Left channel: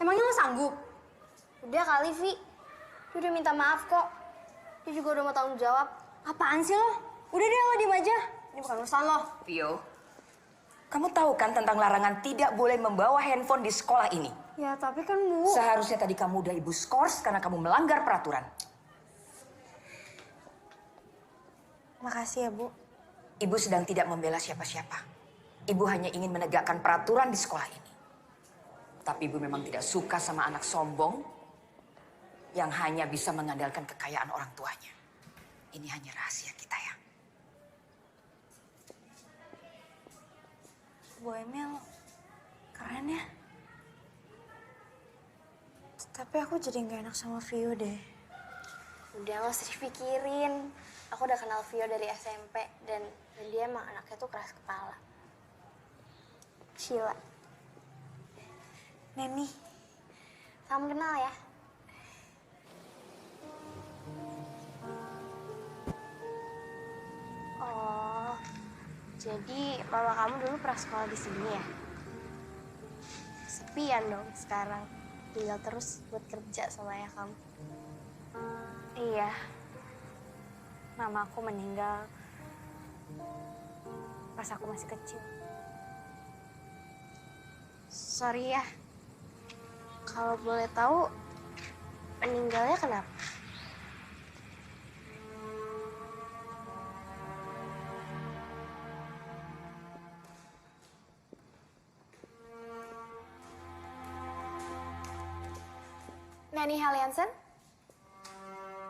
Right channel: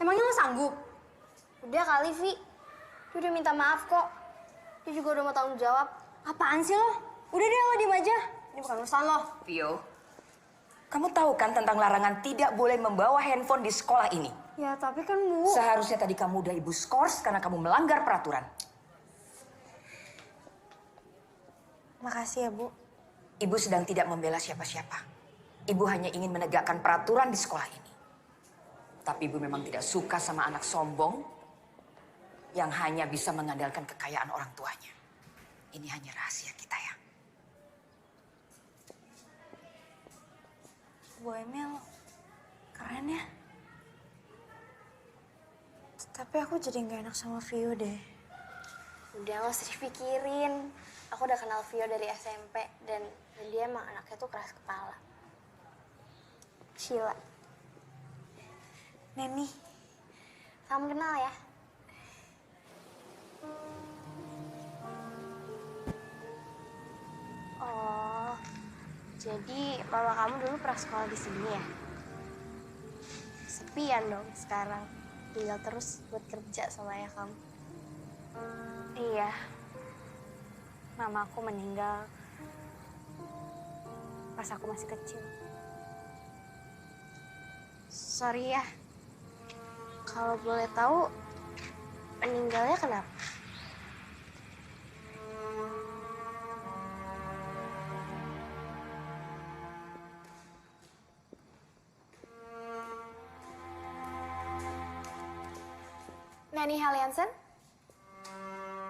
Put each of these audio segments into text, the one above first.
Emangnya lo sanggup? Udah kali, Vi. Dia udah minta maaf kok. Dia juga udah mau tanggung jawab. Apaan sih lo? Udah deh lo diem aja. Ini bukan urusan lo. Vio, kamu tahu kan tentang larangan tidak boleh membawa handphone di sekolah ini? Ya tapi kan Bu. Seharusnya tadi kamu udah ibu skors karena kamu melanggar peraturan. Makasih ya Bu. Ibu sedang tidak membela siapa-siapa. Ibu hanya ingin menegakkan peraturan di sekolah ini. Tapi ibu memang tidak suka sama anak sombong yang hanya bisa mengandalkan kekayaan orang tuanya. Ini hanya rahasia kita ya. Bu Emil, keren ya. Tapi aku jadi nggak enak sama Vio deh. Udah nggak usah dipikirin. Aku udah kenal Vio dari SMP dan dia emang anaknya tuh keras kepala. Sheila. Neni. Salam kenal ya. Oh, jadi mama kamu dulu pernah sekolah di sini ya? Sepian dong sekarang. Tinggal terus buat kerja sama ayah kamu. Iya. Mama aku meninggal pas aku masih kecil. Sorry ya. Kalau boleh tahu, meninggalnya kenapa? Nani Haliansen?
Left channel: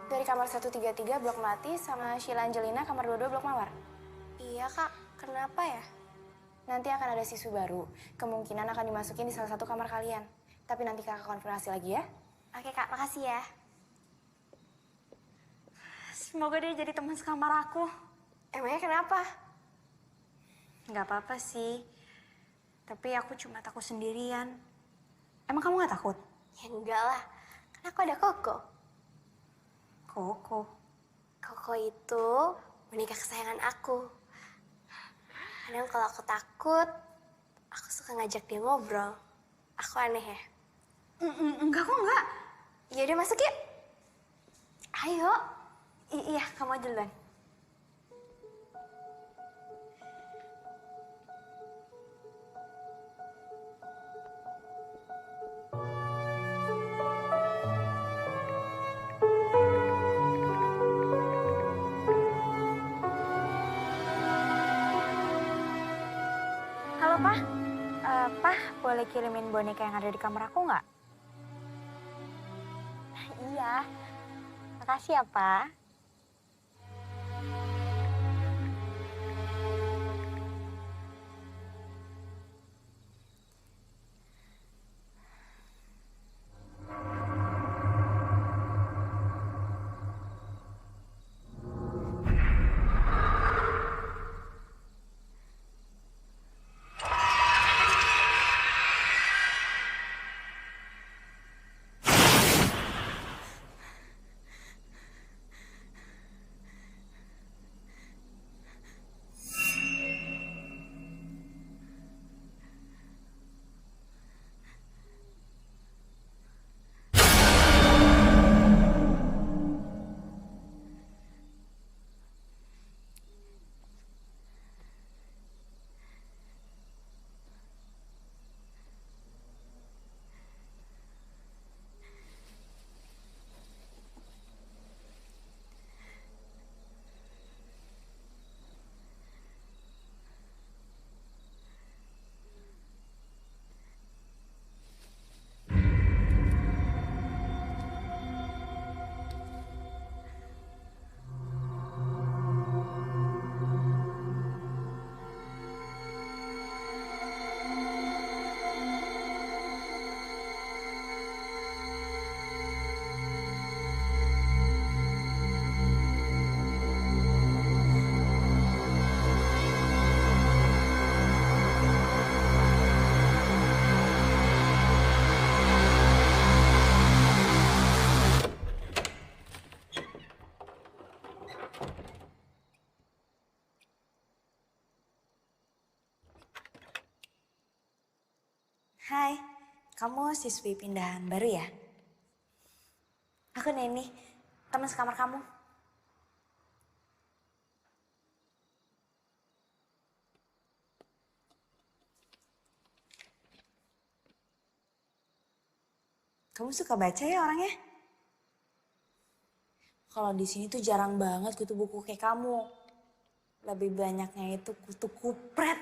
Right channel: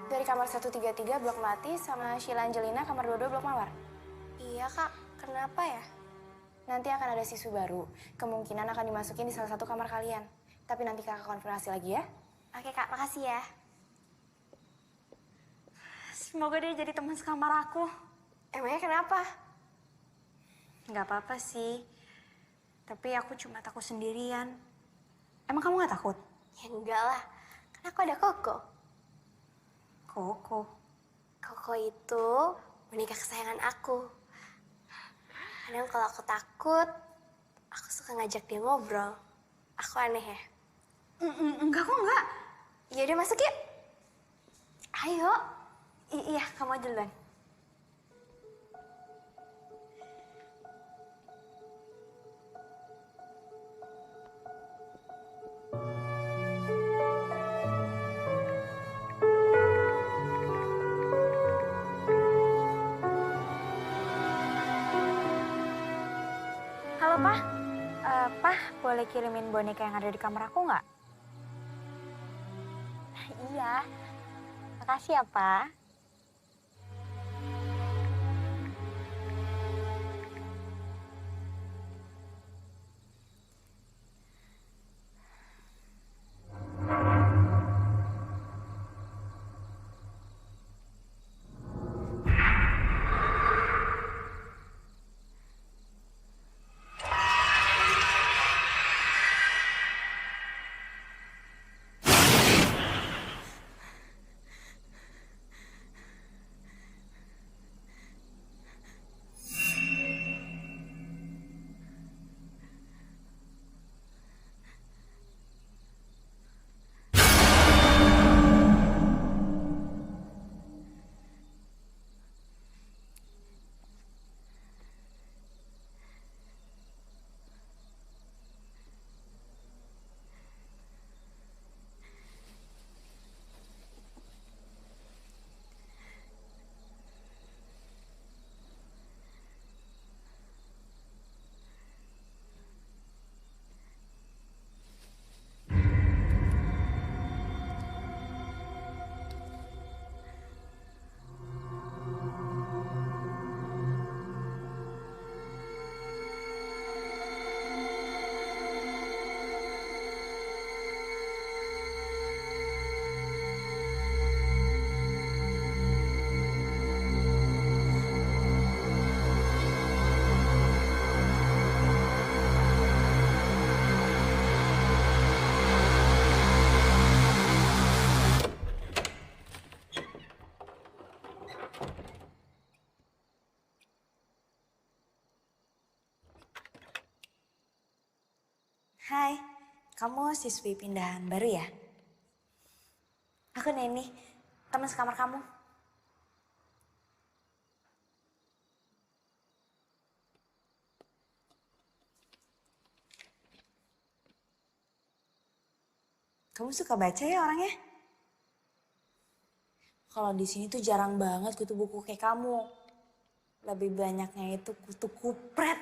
Dari kamar 133 Blok Melati sama Sheila Angelina kamar 22 Blok Mawar? Iya kak, kenapa ya? Nanti akan ada siswa baru. Kemungkinan akan dimasukin di salah satu kamar kalian. Tapi nanti kakak konfirmasi lagi ya. Oke kak, makasih ya. Semoga dia jadi teman sekamar aku. Emangnya kenapa? Nggak apa-apa sih. Tapi aku cuma takut sendirian. Emang kamu nggak takut? Ya enggak lah, kan aku ada Koko. Koko. Koko itu boneka kesayangan aku. Kadang kalau aku takut, aku suka ngajak dia ngobrol. Aku aneh ya? Enggak kok enggak. Ya udah masuk yuk. Ayo. Iya, kamu aja duluan. Halo, Pak. Pak, boleh kirimin boneka yang ada di kamar aku nggak? Iya. Makasih ya, Pak. Kamu siswi pindahan baru ya? Aku Neni, teman sekamar kamu. Kamu suka baca ya orangnya? Kalau di sini tuh jarang banget kutu buku kayak kamu. Lebih banyaknya itu kutu kupret.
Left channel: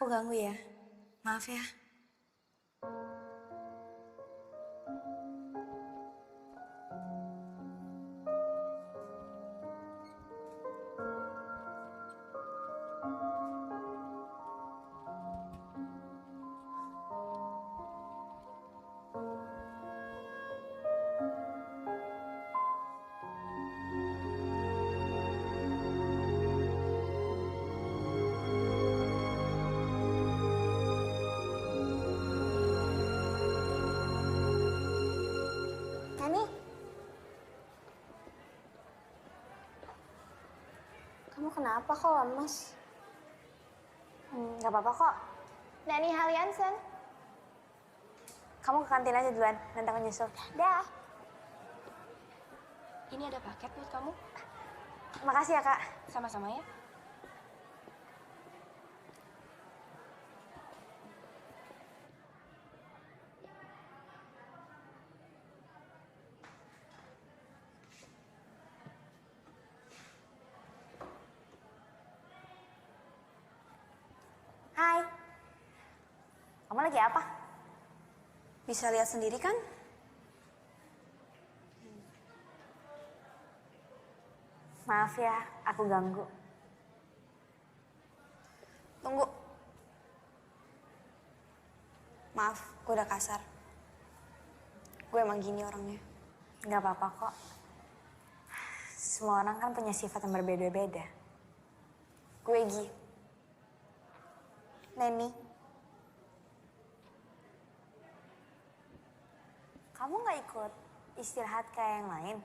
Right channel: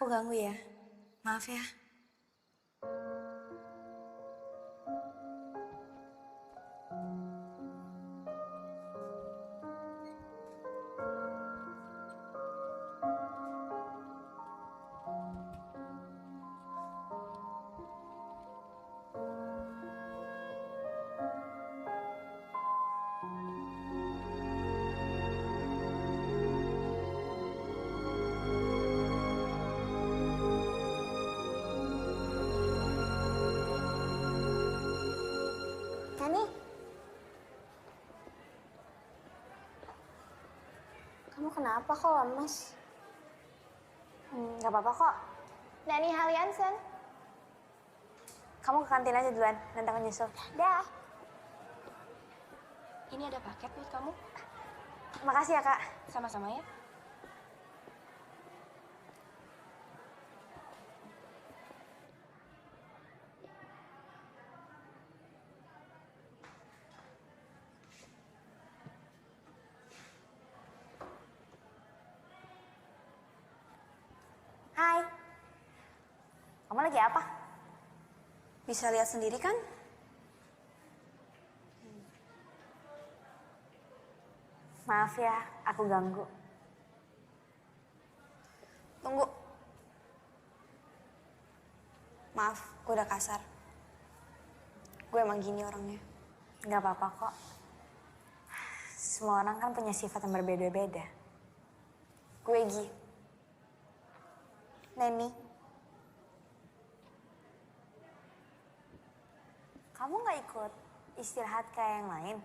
Aku ganggu ya, maaf ya. Nani? Kamu kenapa kok lemes? Gak apa-apa kok. Nani Haliansen. Kamu ke kantin aja duluan, nanti aku nyusul. Dah. Ini ada paket buat kamu. Makasih ya kak. Sama-sama ya. Hai. Kamu lagi apa? Bisa lihat sendiri kan? Maaf ya, aku ganggu. Tunggu. Maaf, gue udah kasar. Gue emang gini orangnya. Gak apa-apa kok. Semua orang kan punya sifat yang berbeda-beda. Gue Gi. Neni. Kamu gak ikut istirahat kayak yang lain?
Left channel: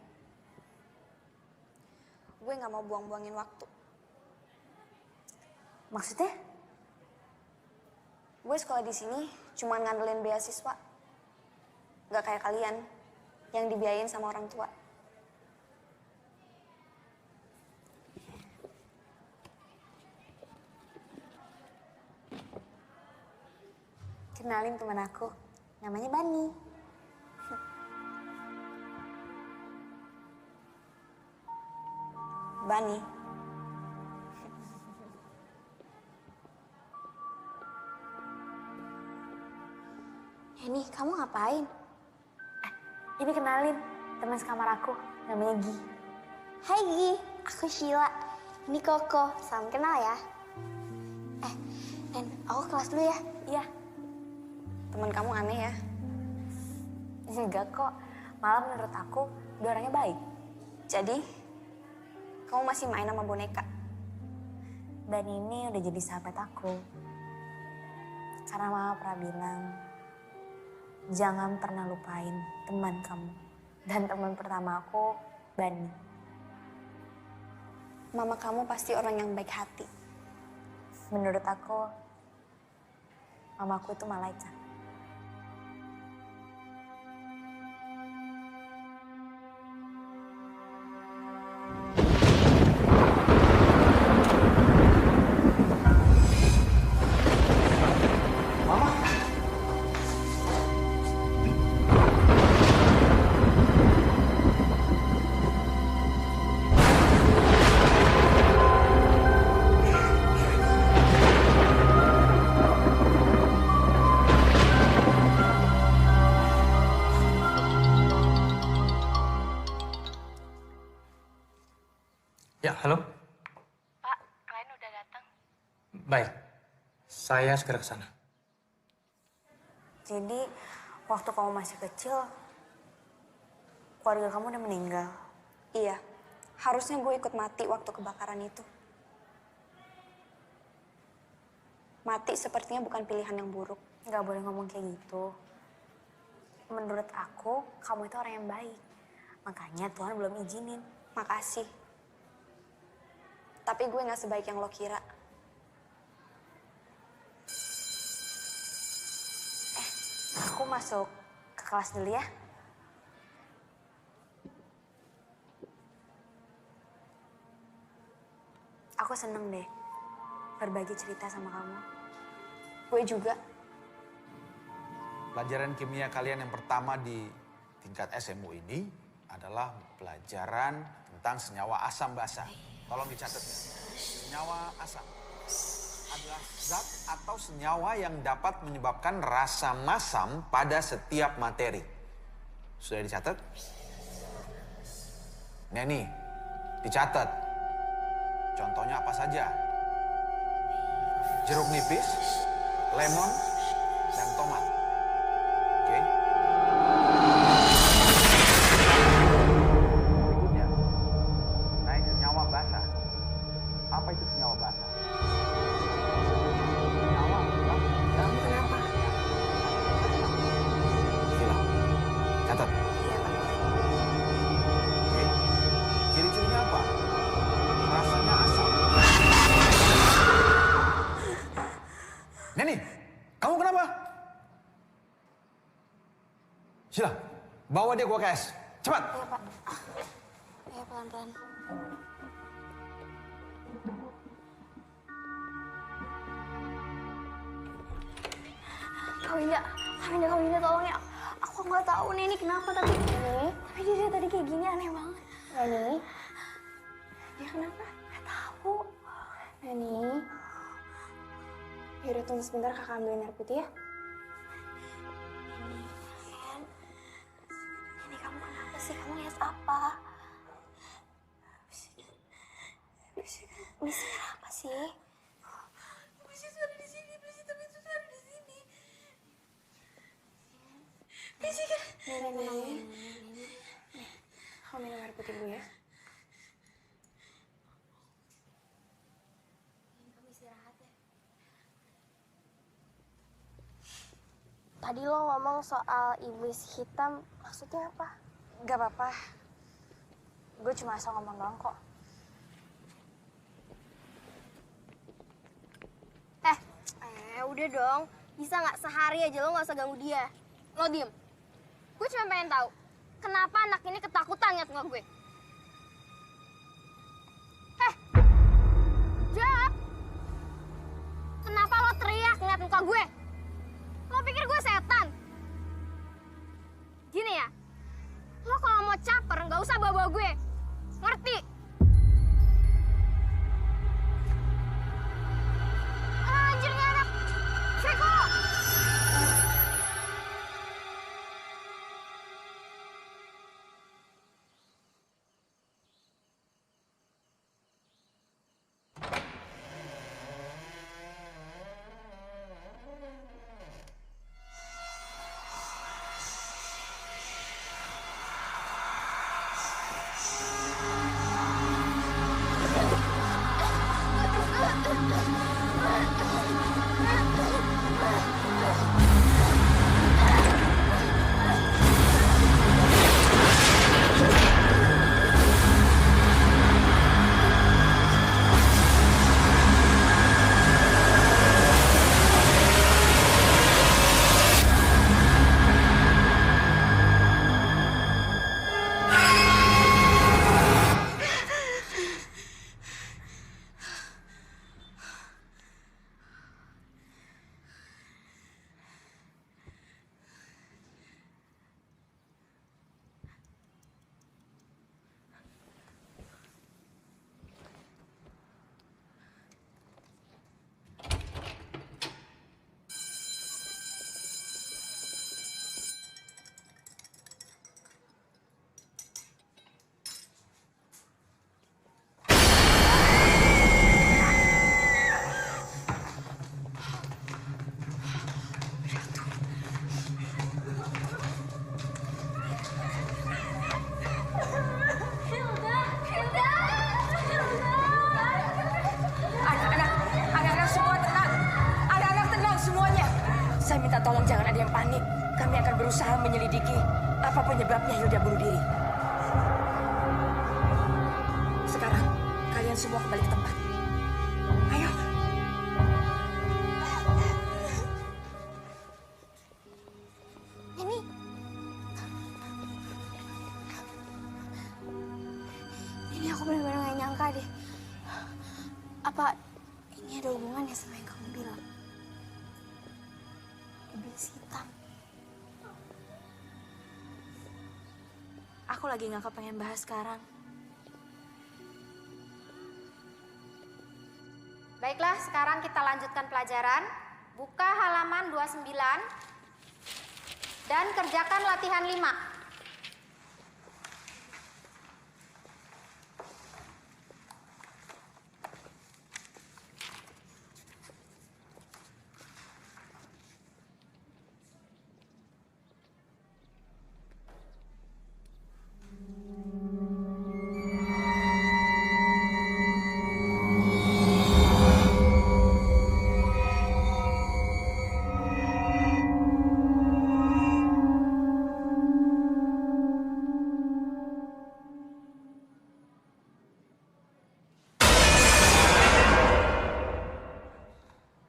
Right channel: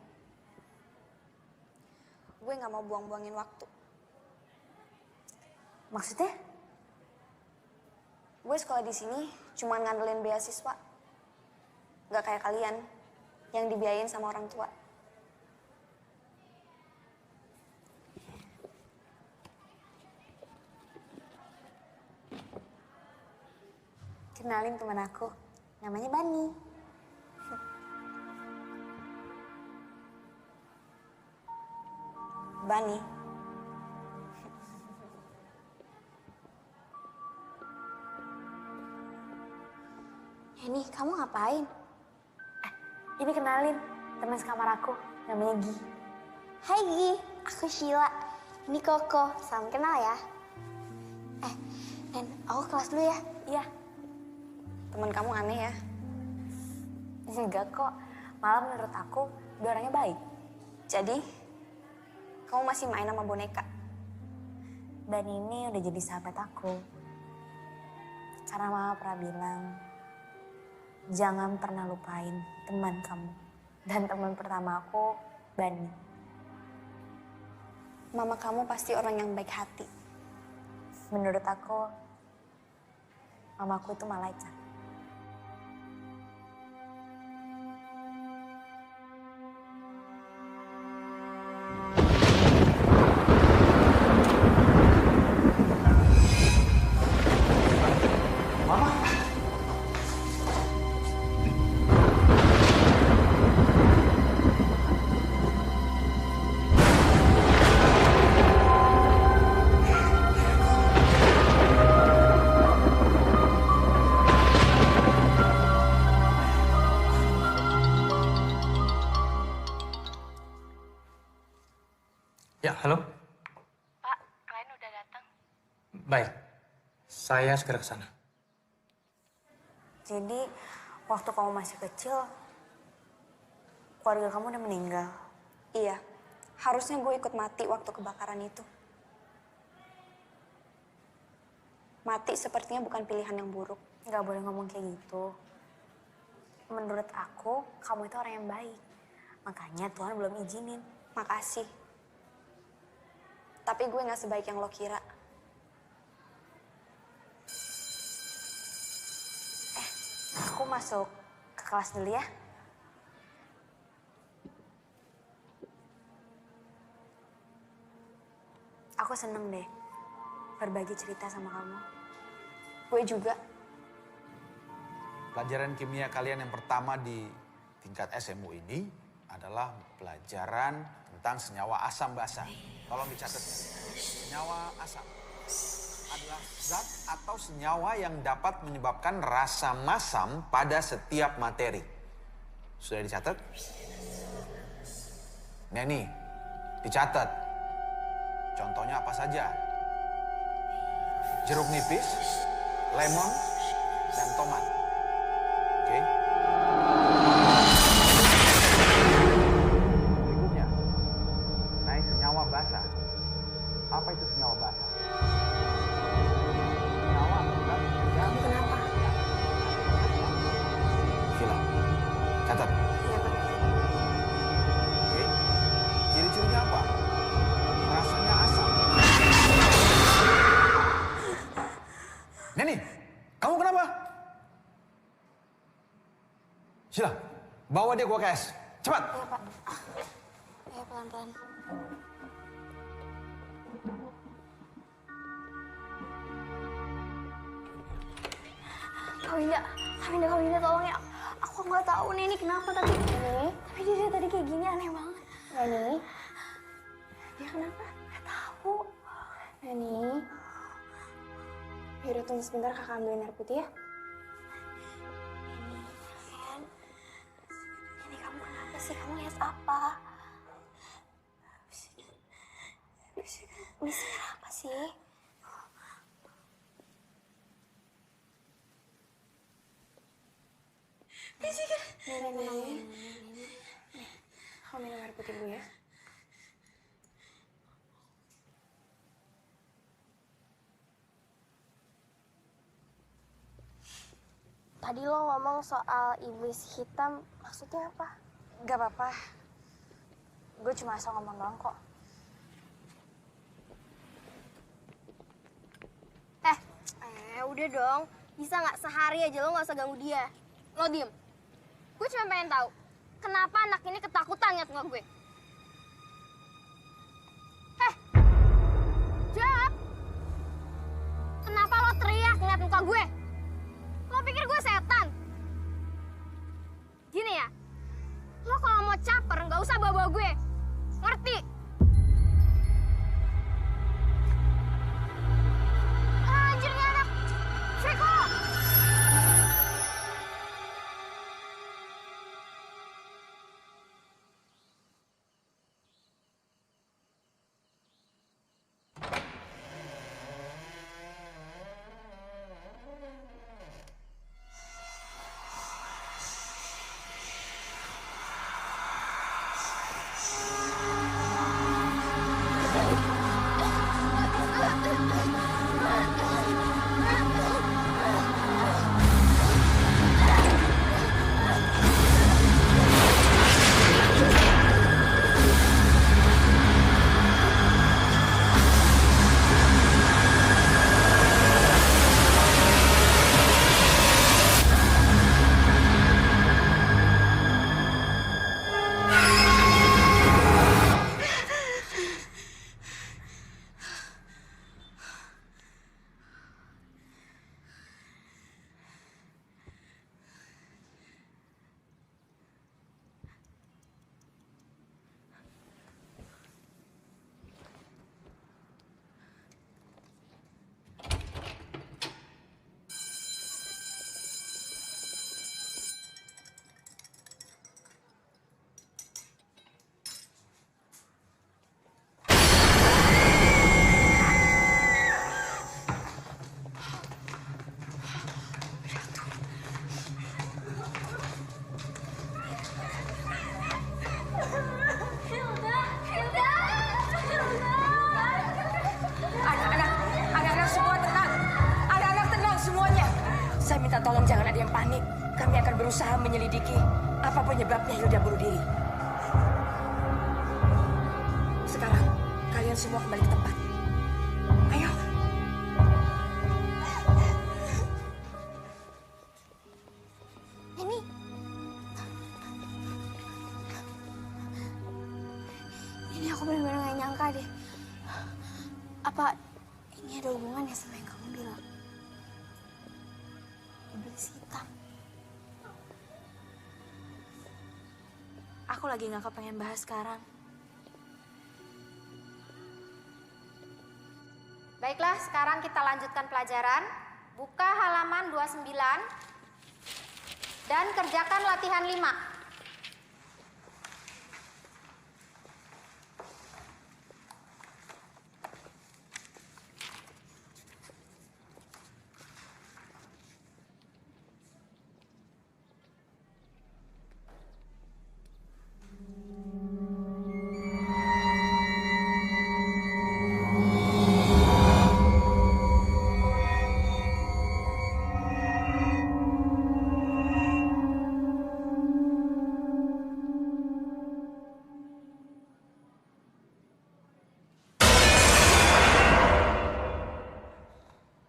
Gue gak mau buang-buangin waktu. Maksudnya? Gue sekolah di sini cuma ngandelin beasiswa. Gak kayak kalian yang dibiayain sama orang tua. Kenalin teman aku, namanya Bani. Bani. Neni, kamu ngapain? Ini kenalin, teman sekamar aku, namanya Gi. Hai Gi, aku Sheila. Ini Koko, salam kenal ya. Nen, aku kelas dulu ya. Iya. Teman kamu aneh ya. Enggak kok, malah menurut aku dia orangnya baik. Jadi, kamu masih main sama boneka? Dan ini udah jadi sahabat aku. Karena mama pernah bilang, jangan pernah lupain teman kamu. Dan teman pertama aku, Bani. Mama kamu pasti orang yang baik hati. Menurut aku, mamaku itu malaikat. Mama. Ya, halo. Pak, klien udah datang. Baik, saya segera ke sana. Jadi, waktu kamu masih kecil, keluarga kamu udah meninggal. Iya, harusnya gue ikut mati waktu kebakaran itu. Mati sepertinya bukan pilihan yang buruk. Nggak boleh ngomong kayak gitu. Menurut aku, kamu itu orang yang baik. Makanya Tuhan belum izinin. Makasih. Tapi gue gak sebaik yang lo kira. Aku masuk ke kelas dulu ya. Aku seneng deh berbagi cerita sama kamu. Gue juga. Pelajaran kimia kalian yang pertama di tingkat SMU ini adalah pelajaran tentang senyawa asam basa. Tolong dicatat ya. Senyawa asam adalah zat atau senyawa yang dapat menyebabkan rasa masam pada setiap materi. Sudah dicatat? Neni, dicatat. Contohnya apa saja? Jeruk nipis, lemon, dan tomat. Oke? Berikutnya, naik senyawa basa. Apa itu senyawa basa? Senyawa atau zat yang Kenapa? bereaksi dengan asam. Sheila, catat. Iya, Pak. Oke? Ciri-cirinya apa? Rasanya asam. Neni, kamu kenapa? Sheila, bawa dia ke UKS. Cepat. Iya, Pak. Iya, pelan-pelan. Kak Winda, tolong ya. Aku nggak tahu nih ini kenapa tapi dia tadi kayak gini aneh banget. Neni, dia kenapa? Nggak tahu. Neni, yaudah tunggu sebentar kakak ambilin air putih ya. Neni, kamu kenapa sih? Kamu lihat apa? Bisik apa sih? Nih. Kamu minum air putih dulu ya. Tadi lo ngomong soal iblis hitam, maksudnya apa? Gak apa-apa. Gue cuma asal ngomong doang kok. Udah dong. Bisa nggak sehari aja lo nggak usah ganggu dia. Lo diem. Gue cuma pengen tahu, kenapa anak ini ketakutan ngeliat muka gue? Jawab! Kenapa lo teriak ngeliat muka gue? Lo pikir gue setan? Gini ya, lo kalau mau caper nggak usah bawa-bawa gue. Ngerti? Anjir nih anak! Freko! Anak-anak semua tenang. Anak-anak tenang semuanya. Saya minta tolong jangan ada yang panik. Kami akan berusaha menyelidiki apa penyebabnya Hilda bunuh diri. Sekarang Kalian semua kembali ke tempat. Ayo. Ini aku benar-benar gak nyangka deh. Apa ini ada hubungannya sama yang kamu bilang? Iblis hitam. Aku lagi gak kepengen bahas sekarang. Baiklah, sekarang kita lanjutkan pelajaran. Buka halaman 29 dan kerjakan latihan 5.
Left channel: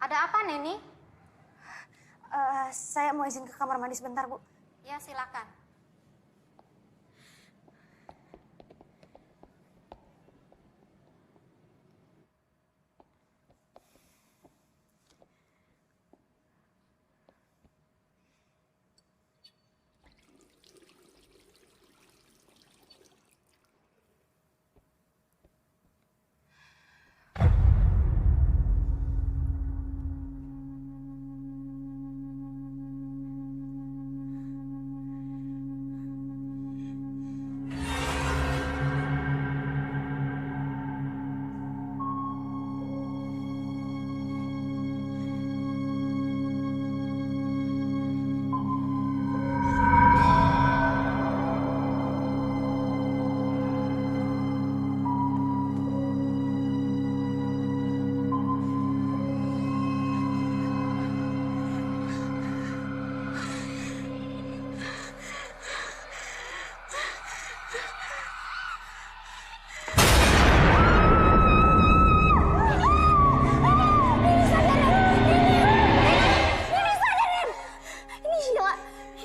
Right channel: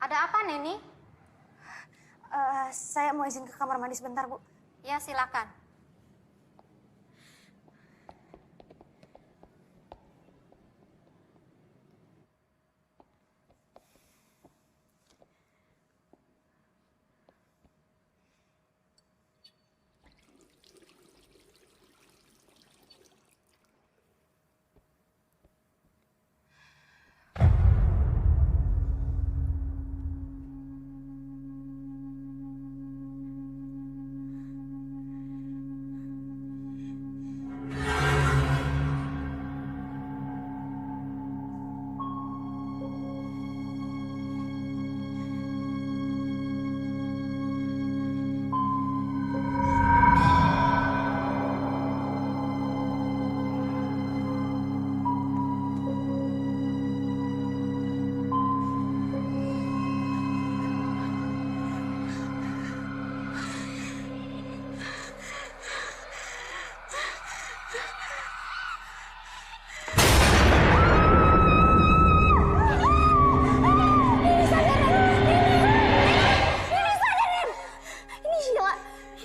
Ada apa, Neni? Saya mau izin ke kamar mandi sebentar, Bu. Ya, silakan.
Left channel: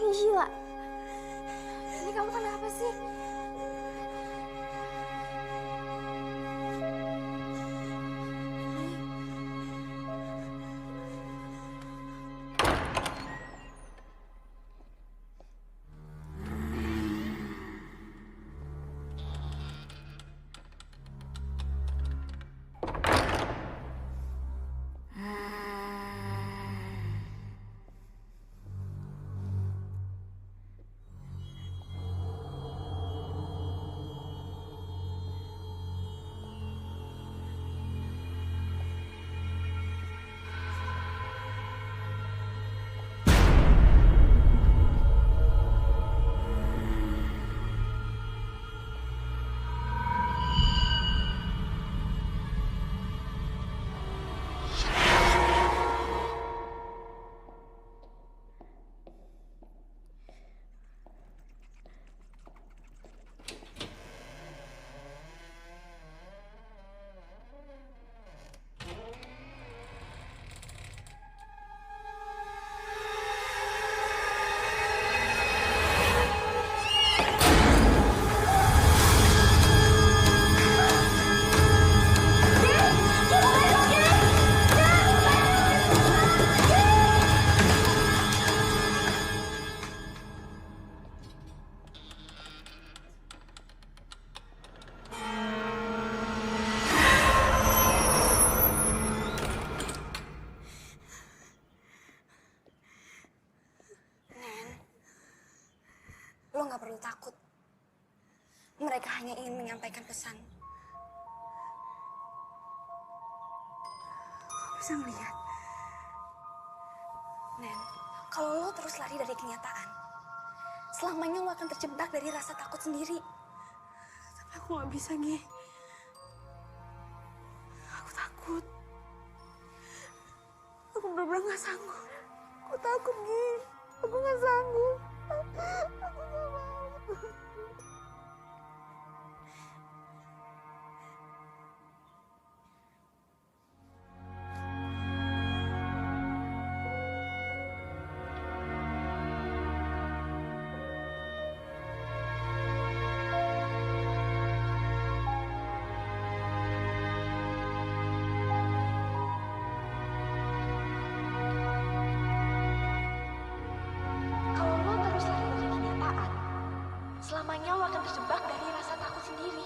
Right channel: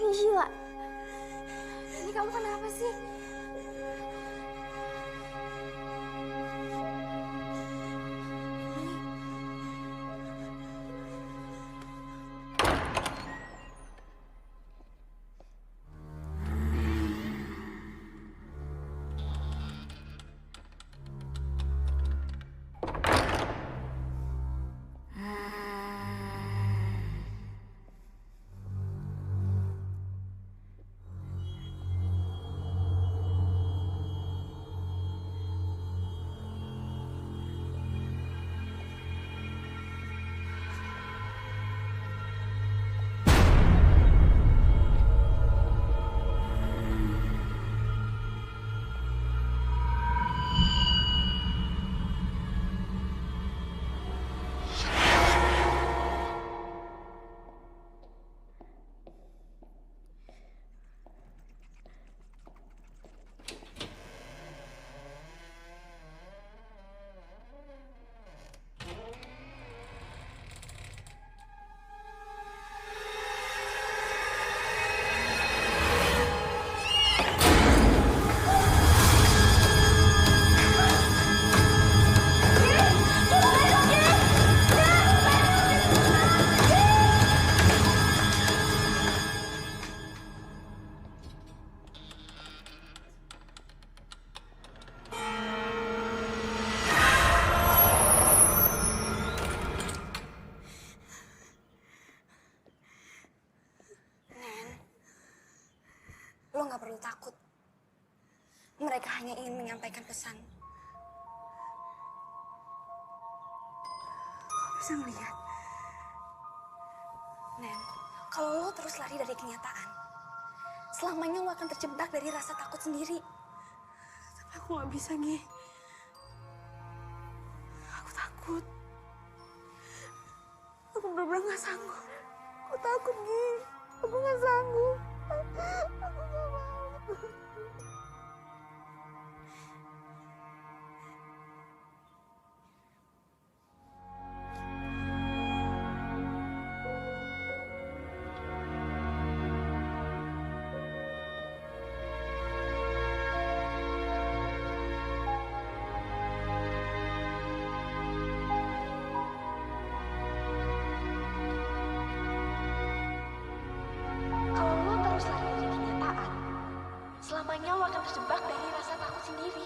Ini Sheila. Ini kamu kenapa sih? Lo gak perlu takut. Mereka hanya ingin menyampaikan pesan. Lo bisa ngeliat. Nen, kalau lo terus lari dari kenyataan, selamanya lo akan terjebak dari rasa takut sendiri. Tapi aku gak bisa, Gi. Aku takut. Aku bener-bener gak sanggup. Aku takut, Gi. Aku gak sanggup. Aku gak mau. terus lari dari kenyataan, selamanya lo akan terjebak dari rasa takut sendiri.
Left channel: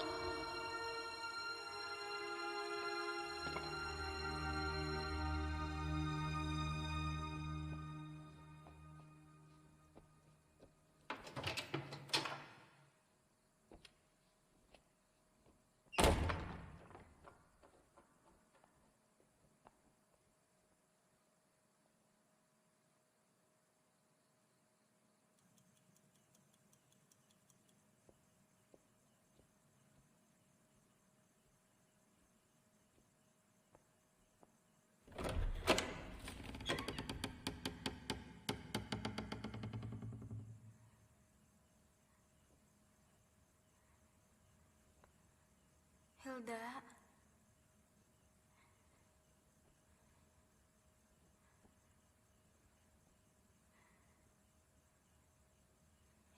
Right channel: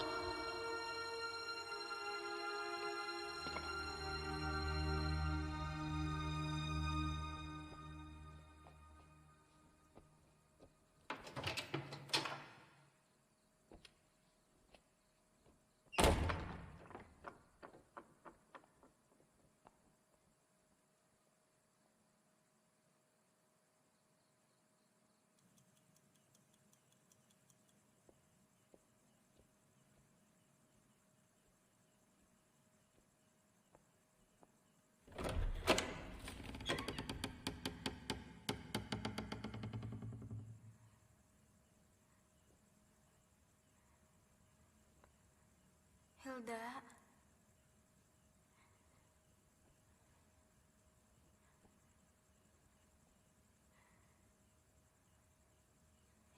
Hilda.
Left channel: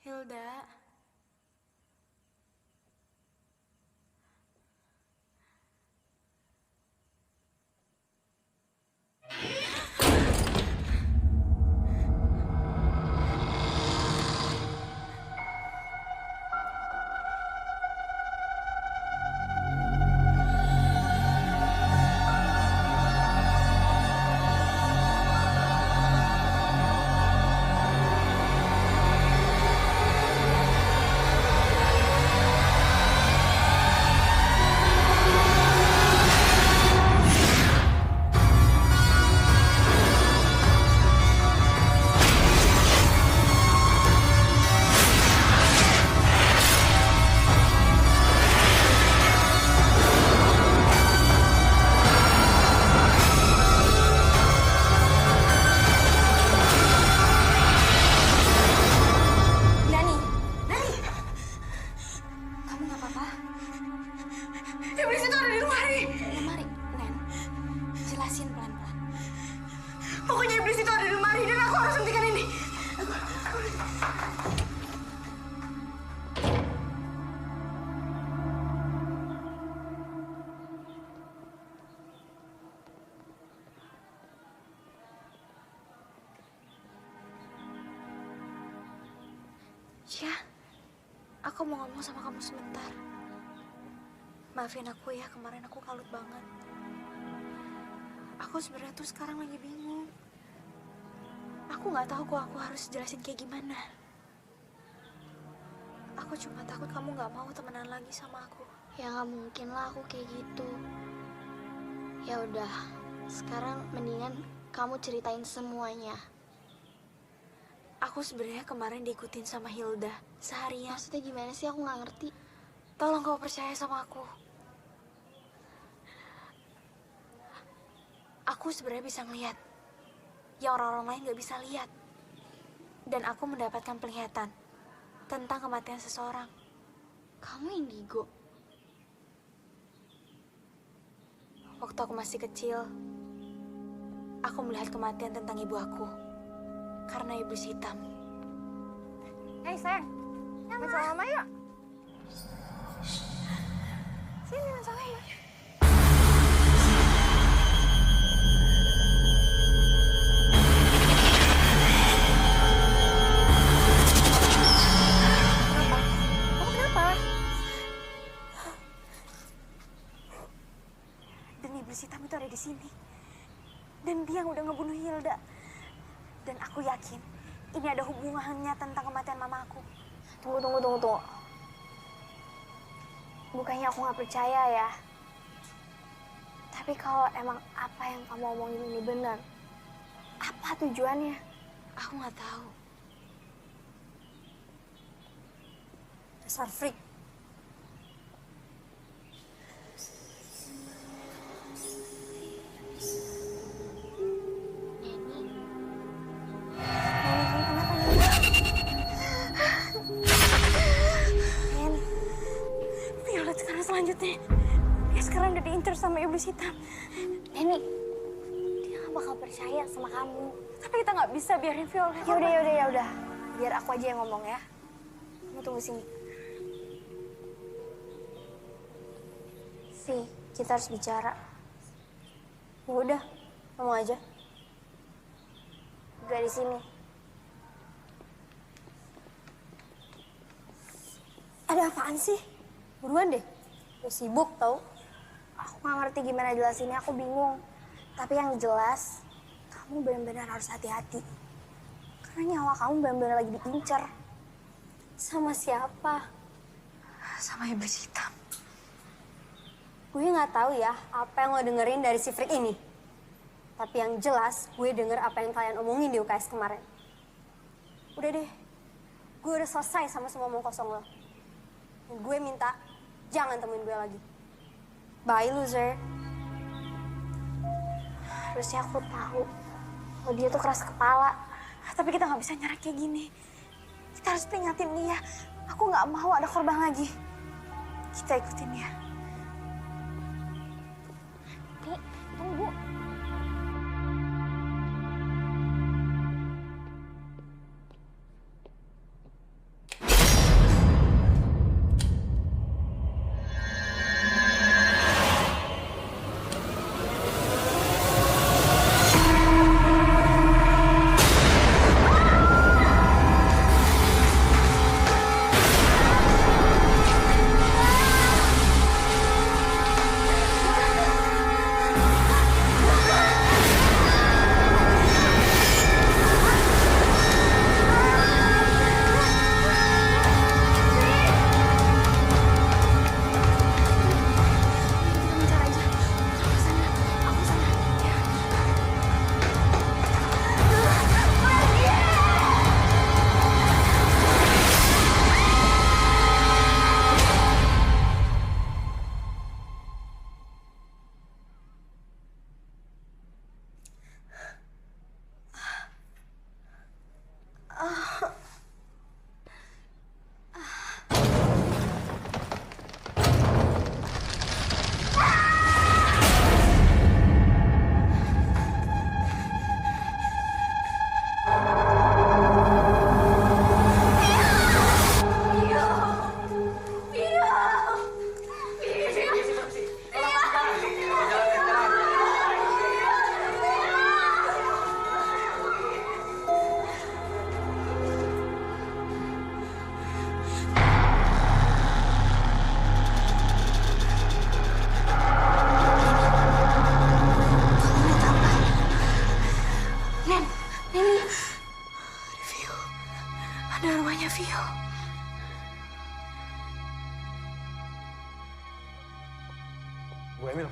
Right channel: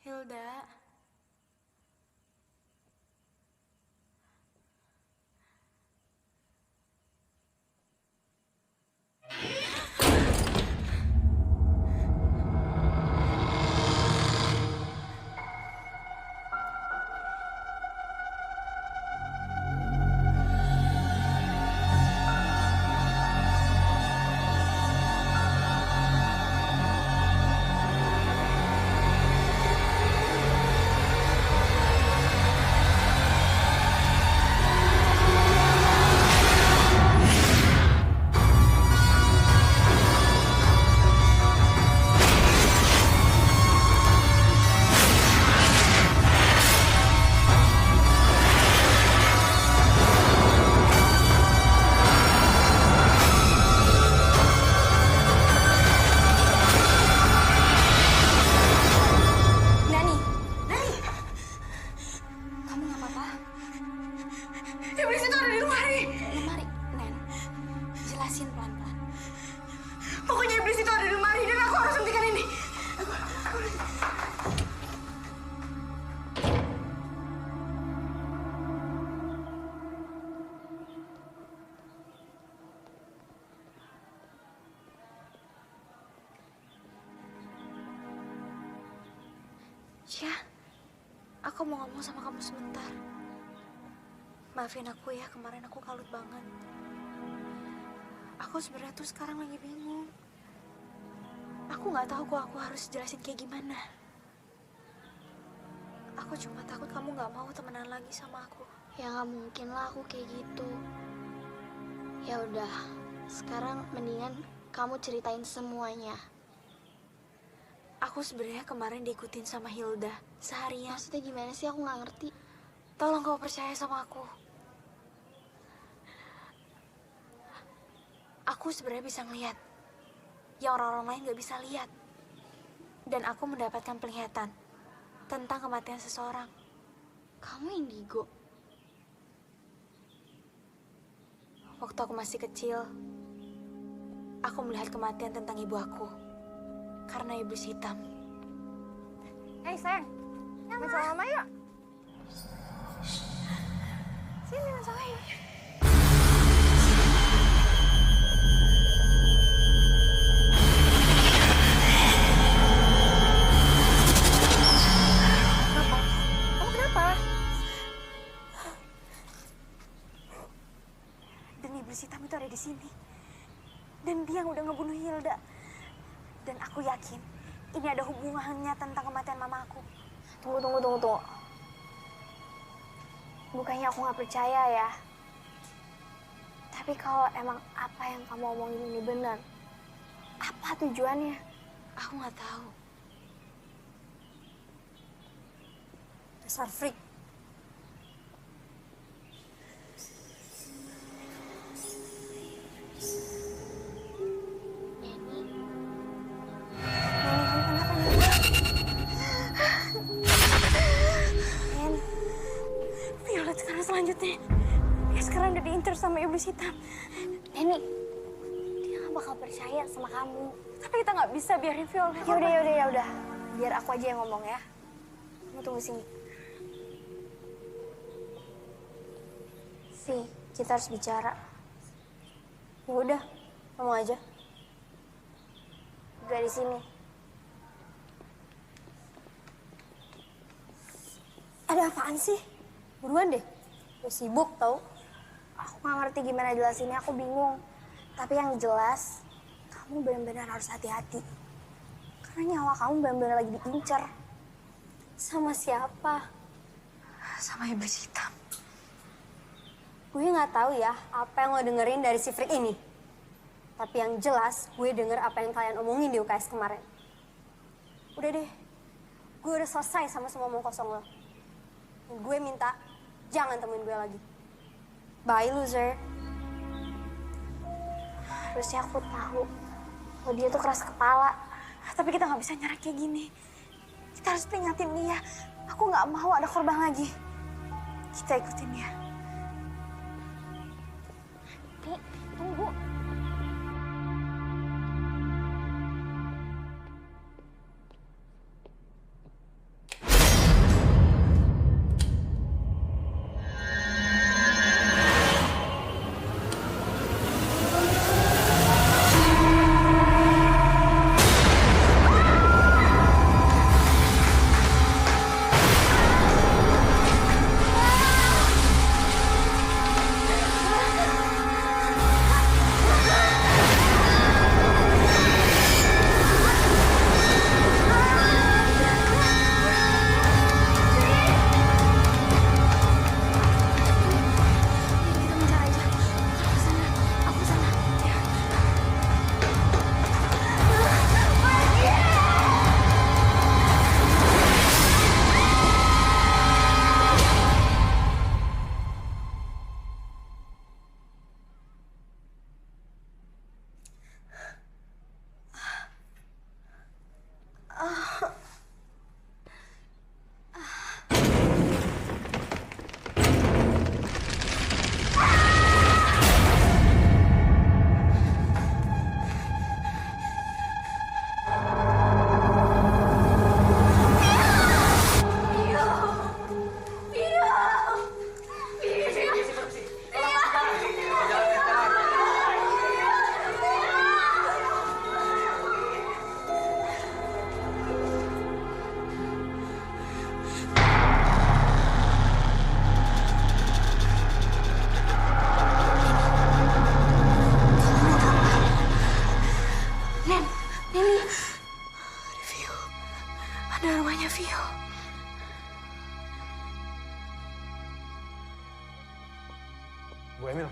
Hilda. Nani. Nani. Kamu nggak apa-apa? Iblis itu ada di lemari. Lemari, Nen. Jelasin pelan-pelan. Pokoknya iblis itu ada di lemari dan aku harus hentikan ini. Ya, aku mau ngomong sama kamu sebentar. Maafin aku ya, kemarin aku kalut banget. Aku sebenarnya tuh sekarang lagi bingung. Aku nggak tahu kok aku harus jelasin kayak gimana. Aku cuma takut kamu nggak mau temenan lagi sama aku. Ya nggak mungkin lah aku kayak gitu. Ya udah, sekarang mendingan kamu ceritain semuanya. Aku sebenarnya kemarin diikutin sama Hilda seharian. Maksudnya gimana sih? Aku nggak ngerti. Tolong kau percaya sama aku. Aku sebenarnya bisa ngelihat yang orang-orang lain nggak bisa lihat. Dan aku mendapatkan penglihatan tentang kematian seseorang. Kamu indigo? Waktu aku masih kecil, aku melihat kematian tentang ibu aku karena iblis hitam. Hei sayang, main sama mama yuk. Sini main sama mama. Kamu kenapa? Kamu kenapa? Dan iblis hitam itu ada di sini. Dan dia yang udah ngebunuh Hilda. Dan aku yakin ini ada hubungannya tentang kematian mama aku. Tunggu. Bukannya aku nggak percaya ya. Tapi kalau emang apa yang kamu omongin ini benar, apa tujuannya? Aku nggak tahu. Dasar freak. Neni, Kamu kenapa Neni? Nen, Violet sekarang selanjutnya. Dia sekarang udah diincar sama iblis hitam. Neni, dia nggak bakal percaya sama kamu. Tapi kita nggak bisa biarin Violet. Ya udah. Biar aku aja yang ngomong ya. Kamu tunggu sini. Vi, kita harus bicara. Ya udah, ngomong aja. Gak di sini. Ada apaan sih? Buruan deh. Gue sibuk tau. Aku nggak ngerti gimana jelasinnya, aku bingung. Tapi yang jelas, kamu benar-benar harus hati-hati. Karena nyawa kamu benar-benar lagi diincar. Sama siapa? Sama iblis hitam. Gue nggak tahu ya apa yang lo dengerin dari si freak ini. Tapi yang jelas gue denger apa yang kalian omongin di UKS kemarin. Udah deh, gue udah selesai sama semua omong kosong lo. Dan gue minta jangan temuin gue lagi. Bye loser. Harusnya aku tahu kalau dia tuh keras kepala. Tapi kita nggak bisa nyerah kayak gini. Kita harus peringatin dia. Aku nggak mau ada korban lagi. Kita ikutin dia. Nih, tunggu. Kita mencar aja. Kalau ke sana, aku ke sana. Ya. Kamu lihat apa? Neni. Ada Vio. Ada rumahnya Vio. Bu Emil,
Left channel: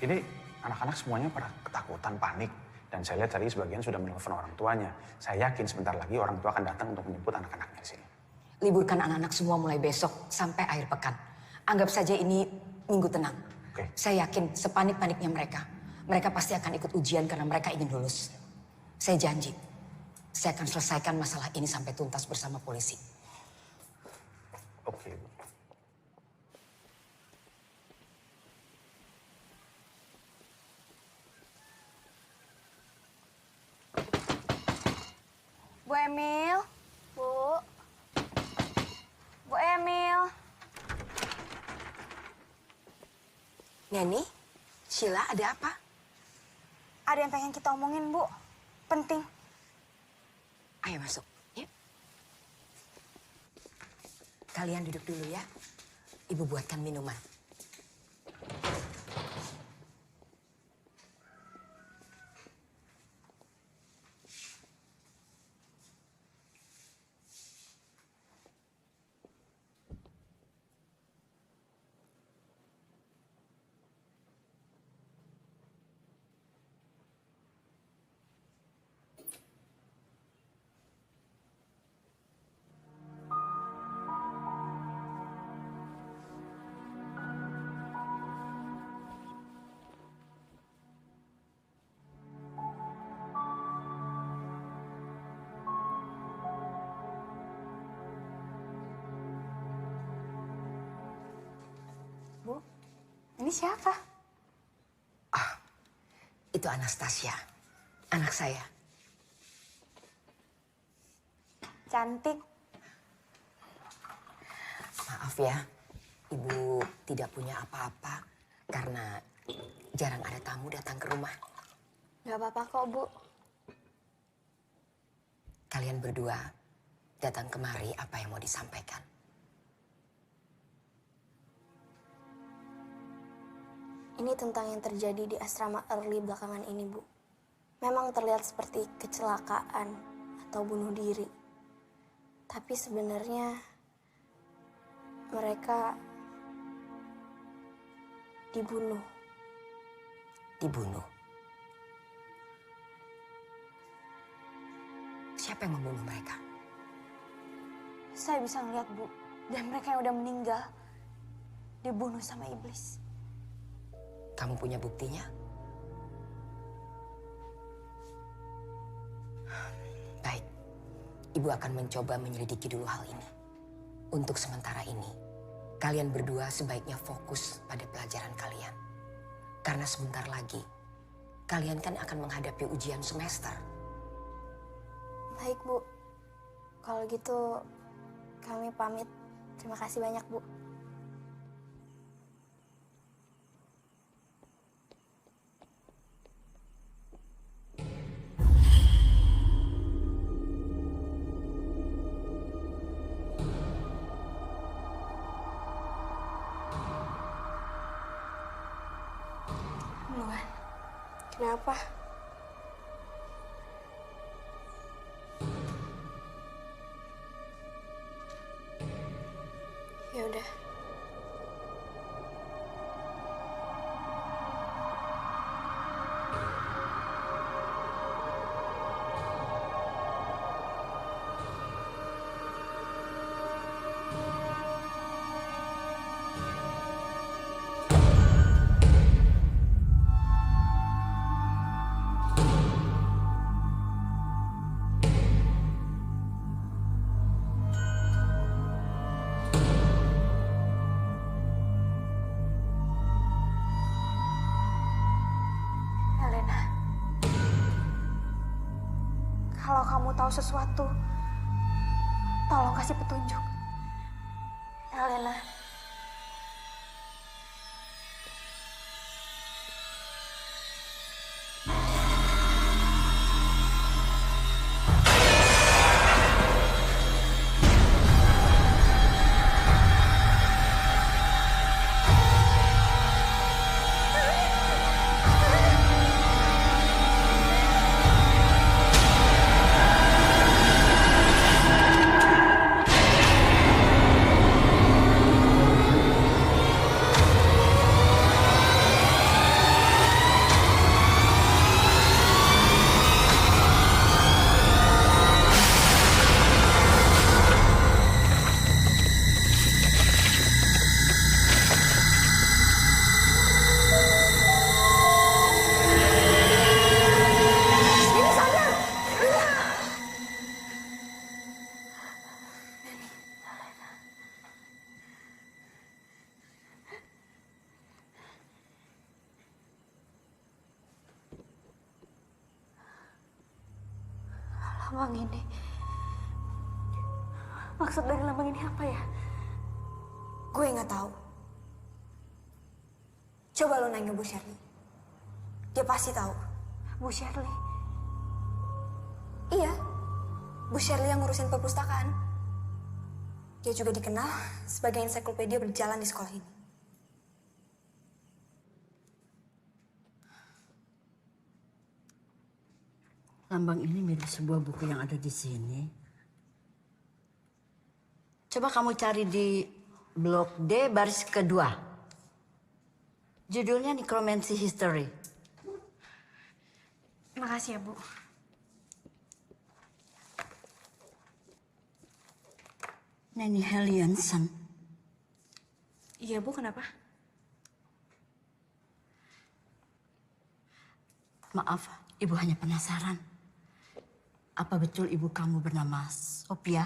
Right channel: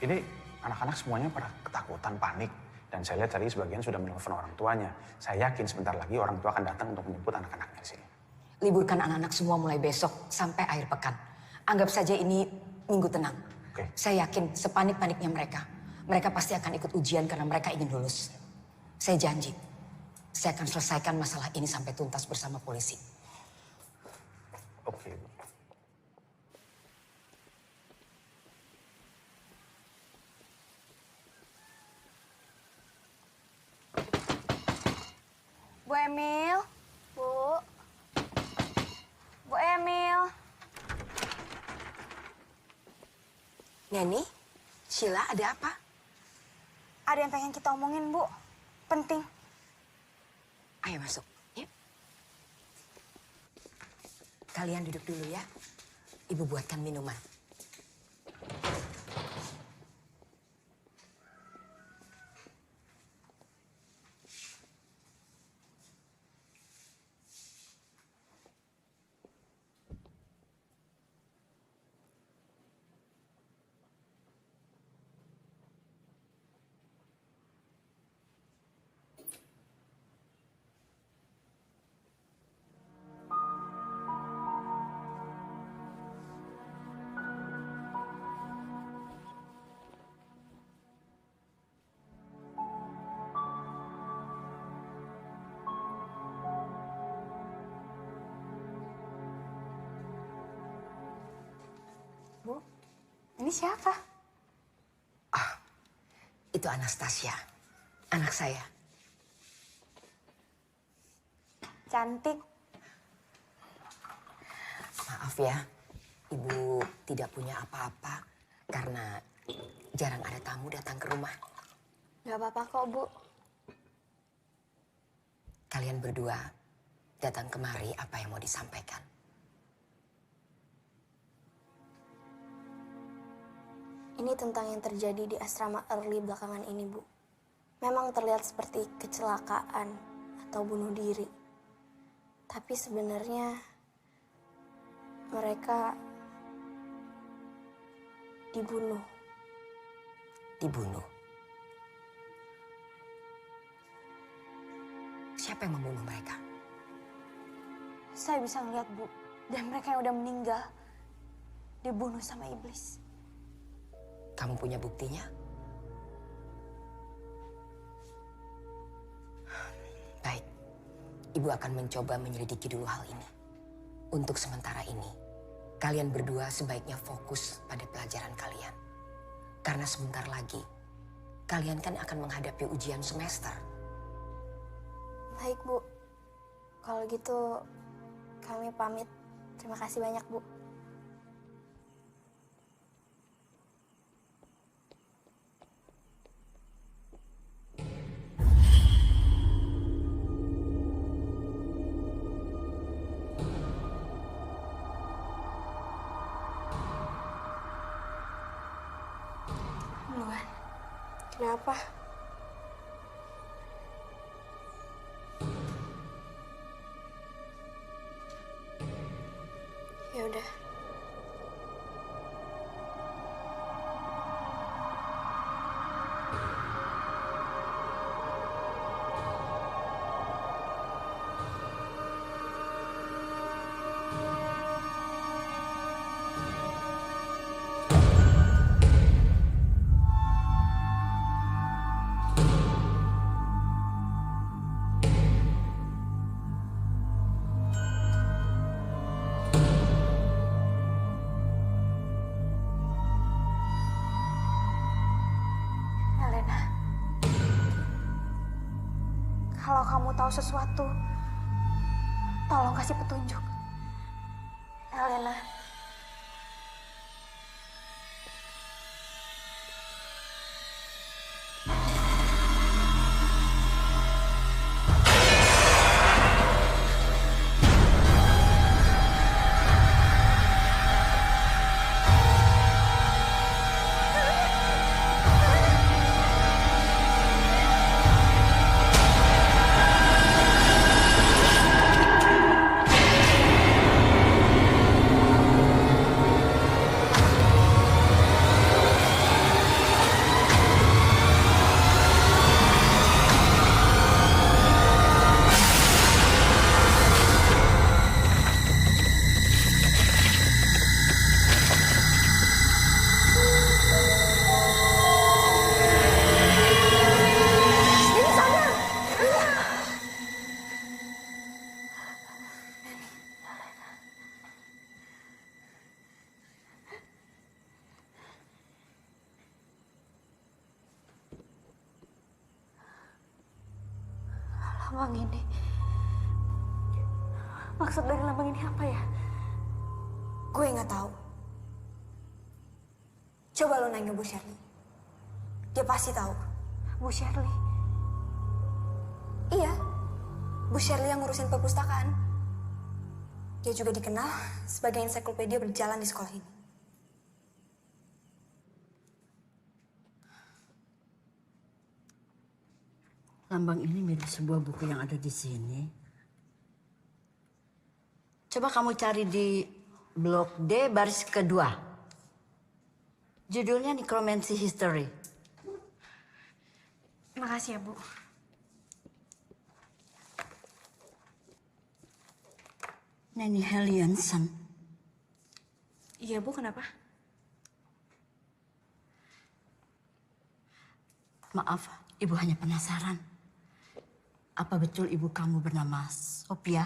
ini anak-anak semuanya pada ketakutan, panik. Dan saya lihat tadi sebagian sudah menelpon orang tuanya. Saya yakin sebentar lagi orang tua akan datang untuk menjemput anak-anaknya di sini. Liburkan anak-anak semua mulai besok sampai akhir pekan. Anggap saja ini minggu tenang. Oke. Saya yakin sepanik-paniknya mereka. Mereka pasti akan ikut ujian karena mereka ingin lulus. Saya janji, saya akan selesaikan masalah ini sampai tuntas bersama polisi. Oke, Bu. Bu Emil. Bu Emil. Neni, Sheila ada apa? Ada yang pengen kita omongin, Bu. Penting. Ayo masuk, ya. Kalian duduk dulu ya. Ibu buatkan minuman. Bu, ini siapa? Itu Anastasia, anak saya. Cantik. Maaf ya, Ibu tidak punya apa-apa karena jarang ada tamu datang ke rumah. Gak apa-apa kok, Bu. Kalian berdua datang kemari apa yang mau disampaikan? Ini tentang yang terjadi di asrama early belakangan ini, Bu. Memang terlihat seperti kecelakaan atau bunuh diri. Tapi sebenarnya mereka dibunuh. Dibunuh. Siapa yang membunuh mereka? Saya bisa ngeliat, Bu. Dan mereka yang udah meninggal dibunuh sama iblis. Kamu punya buktinya? Baik, Ibu akan mencoba menyelidiki dulu hal ini. Untuk sementara ini, kalian berdua sebaiknya fokus pada pelajaran kalian. Karena sebentar lagi, kalian kan akan menghadapi ujian semester. Baik, Bu. Kalau gitu, kami pamit. Terima kasih banyak, Bu. Luan, Kenapa? Ya udah. Helena. Kalau kamu tahu sesuatu, tolong kasih petunjuk. Helena. Lambang ini. Maksud dari lambang ini apa ya? Gue nggak tahu. Coba lo nanya Bu Shirley. Dia pasti tahu. Bu Shirley. Iya, Bu Shirley yang ngurusin perpustakaan. Dia juga dikenal sebagai ensiklopedia berjalan di sekolah ini. Lambang ini mirip sebuah buku yang ada di sini. Coba kamu cari di blok D baris kedua. Judulnya Necromancy History. Makasih ya, Bu. Nanny Hellianson. Iya, Bu, kenapa? Maaf, Ibu hanya penasaran. Apa betul ibu kamu bernama Sophia?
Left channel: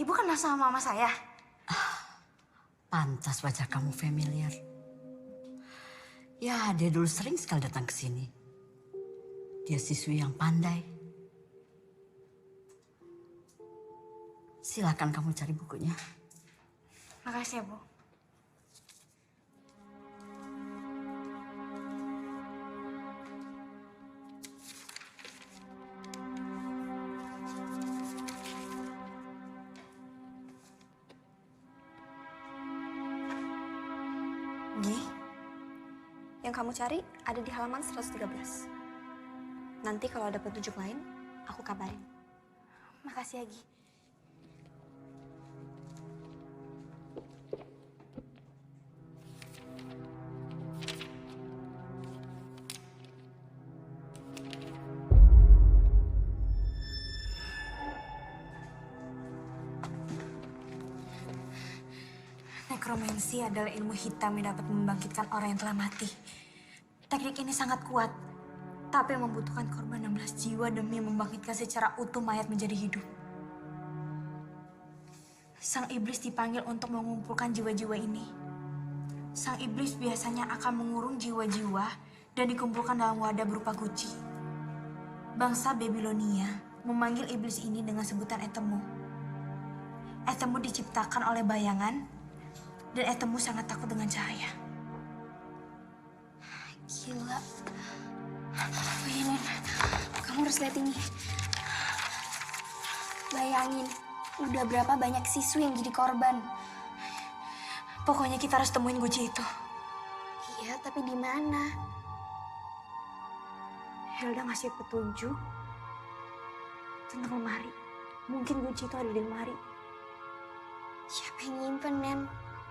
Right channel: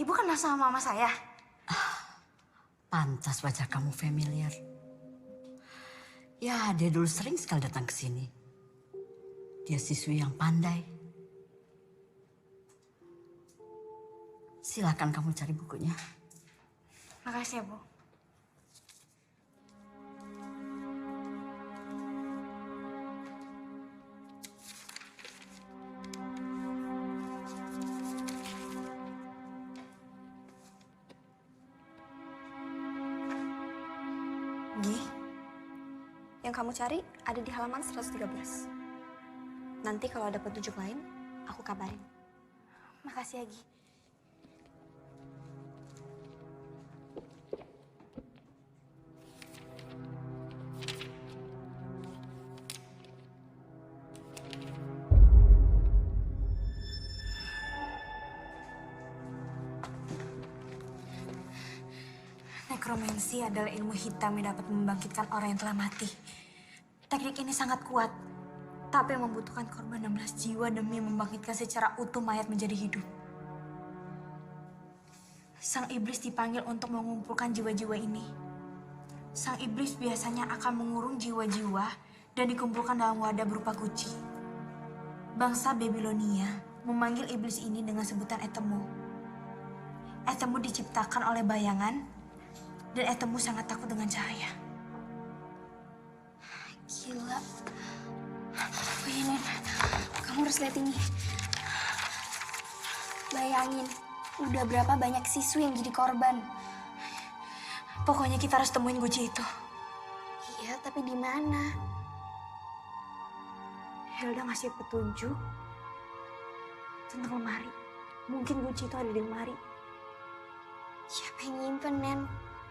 Ibu kenal sama mama saya. Pantas wajah kamu familiar. Ya, dia dulu sering sekali datang ke sini. Dia siswi yang pandai. Silakan kamu cari bukunya. Makasih ya, Bu. Gi, Yang kamu cari ada di halaman 113. Nanti kalau ada petunjuk lain, aku kabarin. Makasih ya, Gi. Nekromansi adalah ilmu hitam yang dapat membangkitkan orang yang telah mati. Teknik ini sangat kuat, tapi membutuhkan korban 16 jiwa demi membangkitkan secara utuh mayat menjadi hidup. Sang iblis dipanggil untuk mengumpulkan jiwa-jiwa ini. Sang iblis biasanya akan mengurung jiwa-jiwa dan dikumpulkan dalam wadah berupa guci. Bangsa Babilonia memanggil iblis ini dengan sebutan Etemu. Etemu diciptakan oleh bayangan, dan Etemu sangat takut dengan cahaya. Gila. Oh iya, Nen. Kamu harus lihat ini. Bayangin, udah berapa banyak siswi yang jadi korban. Pokoknya kita harus temuin guci itu. Iya, tapi di mana? Hilda ngasih petunjuk tentang lemari. Mungkin kunci itu ada di lemari. Siapa yang nyimpen, Nen?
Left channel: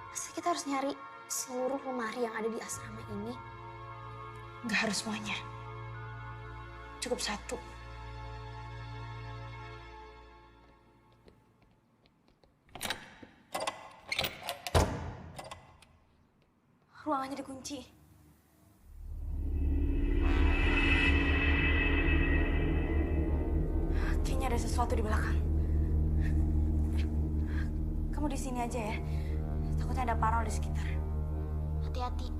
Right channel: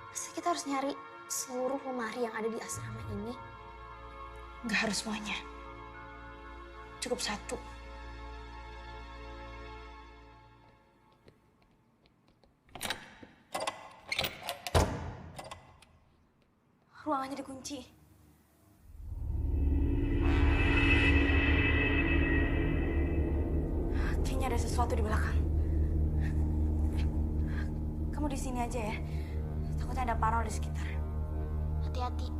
Masa kita harus nyari seluruh lemari yang ada di asrama ini? Nggak harus semuanya. Cukup satu. Ruangannya dikunci. Kayaknya ada sesuatu di belakang. Kamu di sini aja ya. Takutnya ada parno di sekitar. Hati-hati.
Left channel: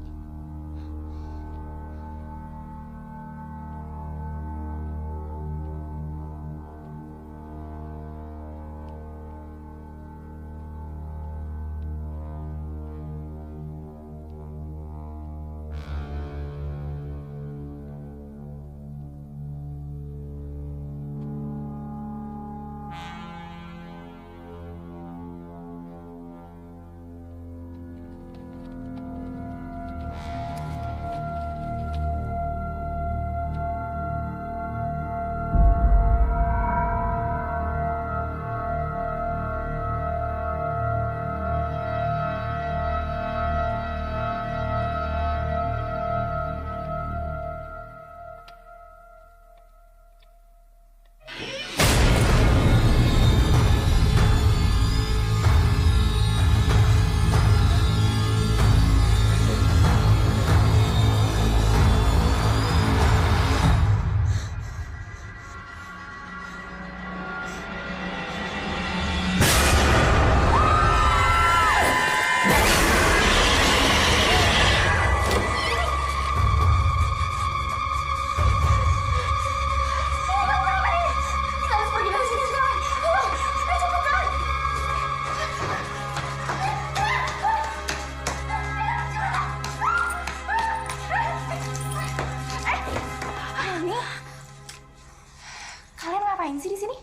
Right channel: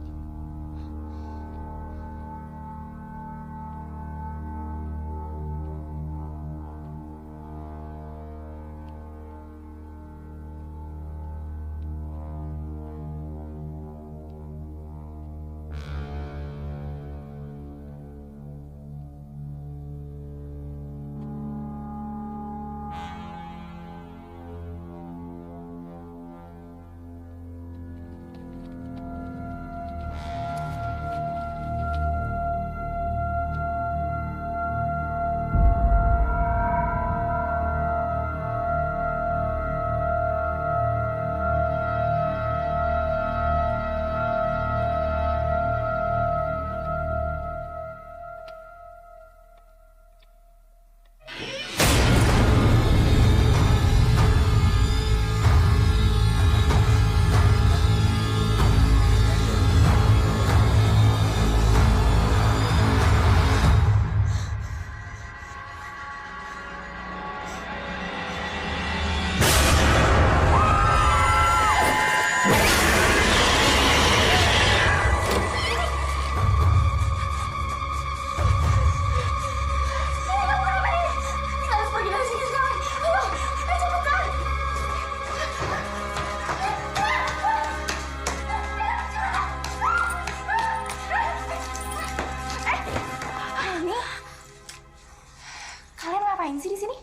Kalian ngapain sih di sini?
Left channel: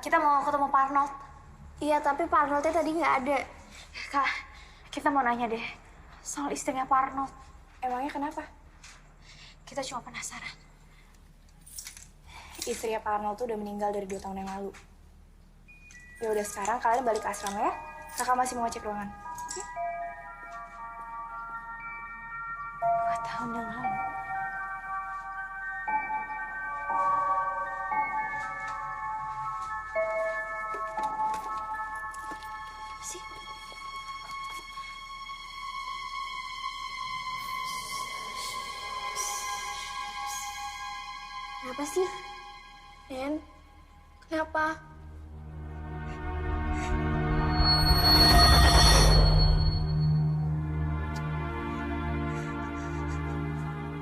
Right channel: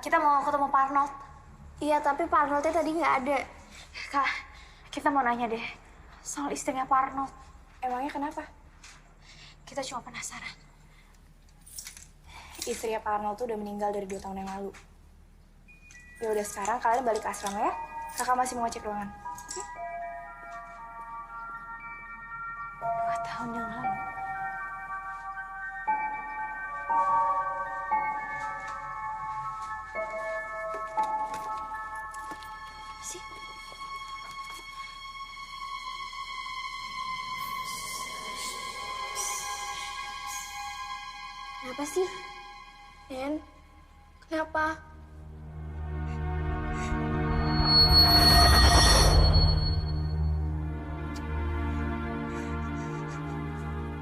Kita mau ketemu Pak Arnold. Iya, tapi Pak Arnoldnya tadi nggak ada. Kak, kita mau nanya deh soal istrinya Pak Arnold. Emangnya kenapa? Kita cuma penasaran. Istrinya Pak Arnold tuh udah meninggal dari 2 tahun yang lalu. Ya udah, sekarang kalian balik ke asrama ya. Kakak masih mau ngecek ruangan. 2 tahun yang lalu. Sih. Kenapa sih? Nen, kenapa?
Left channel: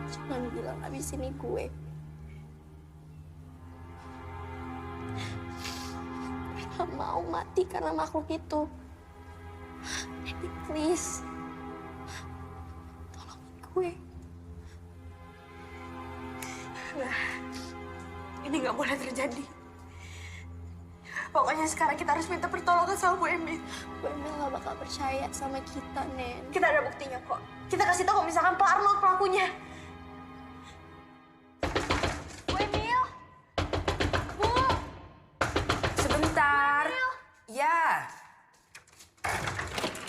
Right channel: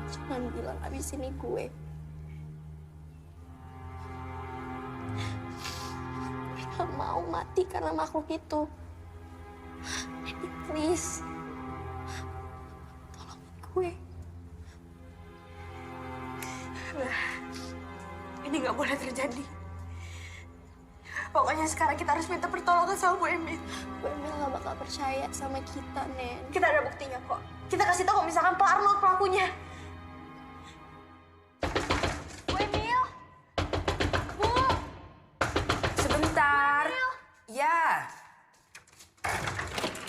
Jangan bilang abis ini gue. Gue gak mau mati karena makhluk itu. Jadi please, tolongin gue. Enggak. Ini nggak boleh terjadi. Pokoknya sekarang kita harus minta pertolongan sama Bu Emil. Bu Emil gak bakal percaya sama kita, Nen. Kita ada buktinya kok. Kita kasih tahu misalkan Pak Arnold pelakunya. Bu Emil! Bu! Sebentar. Ya.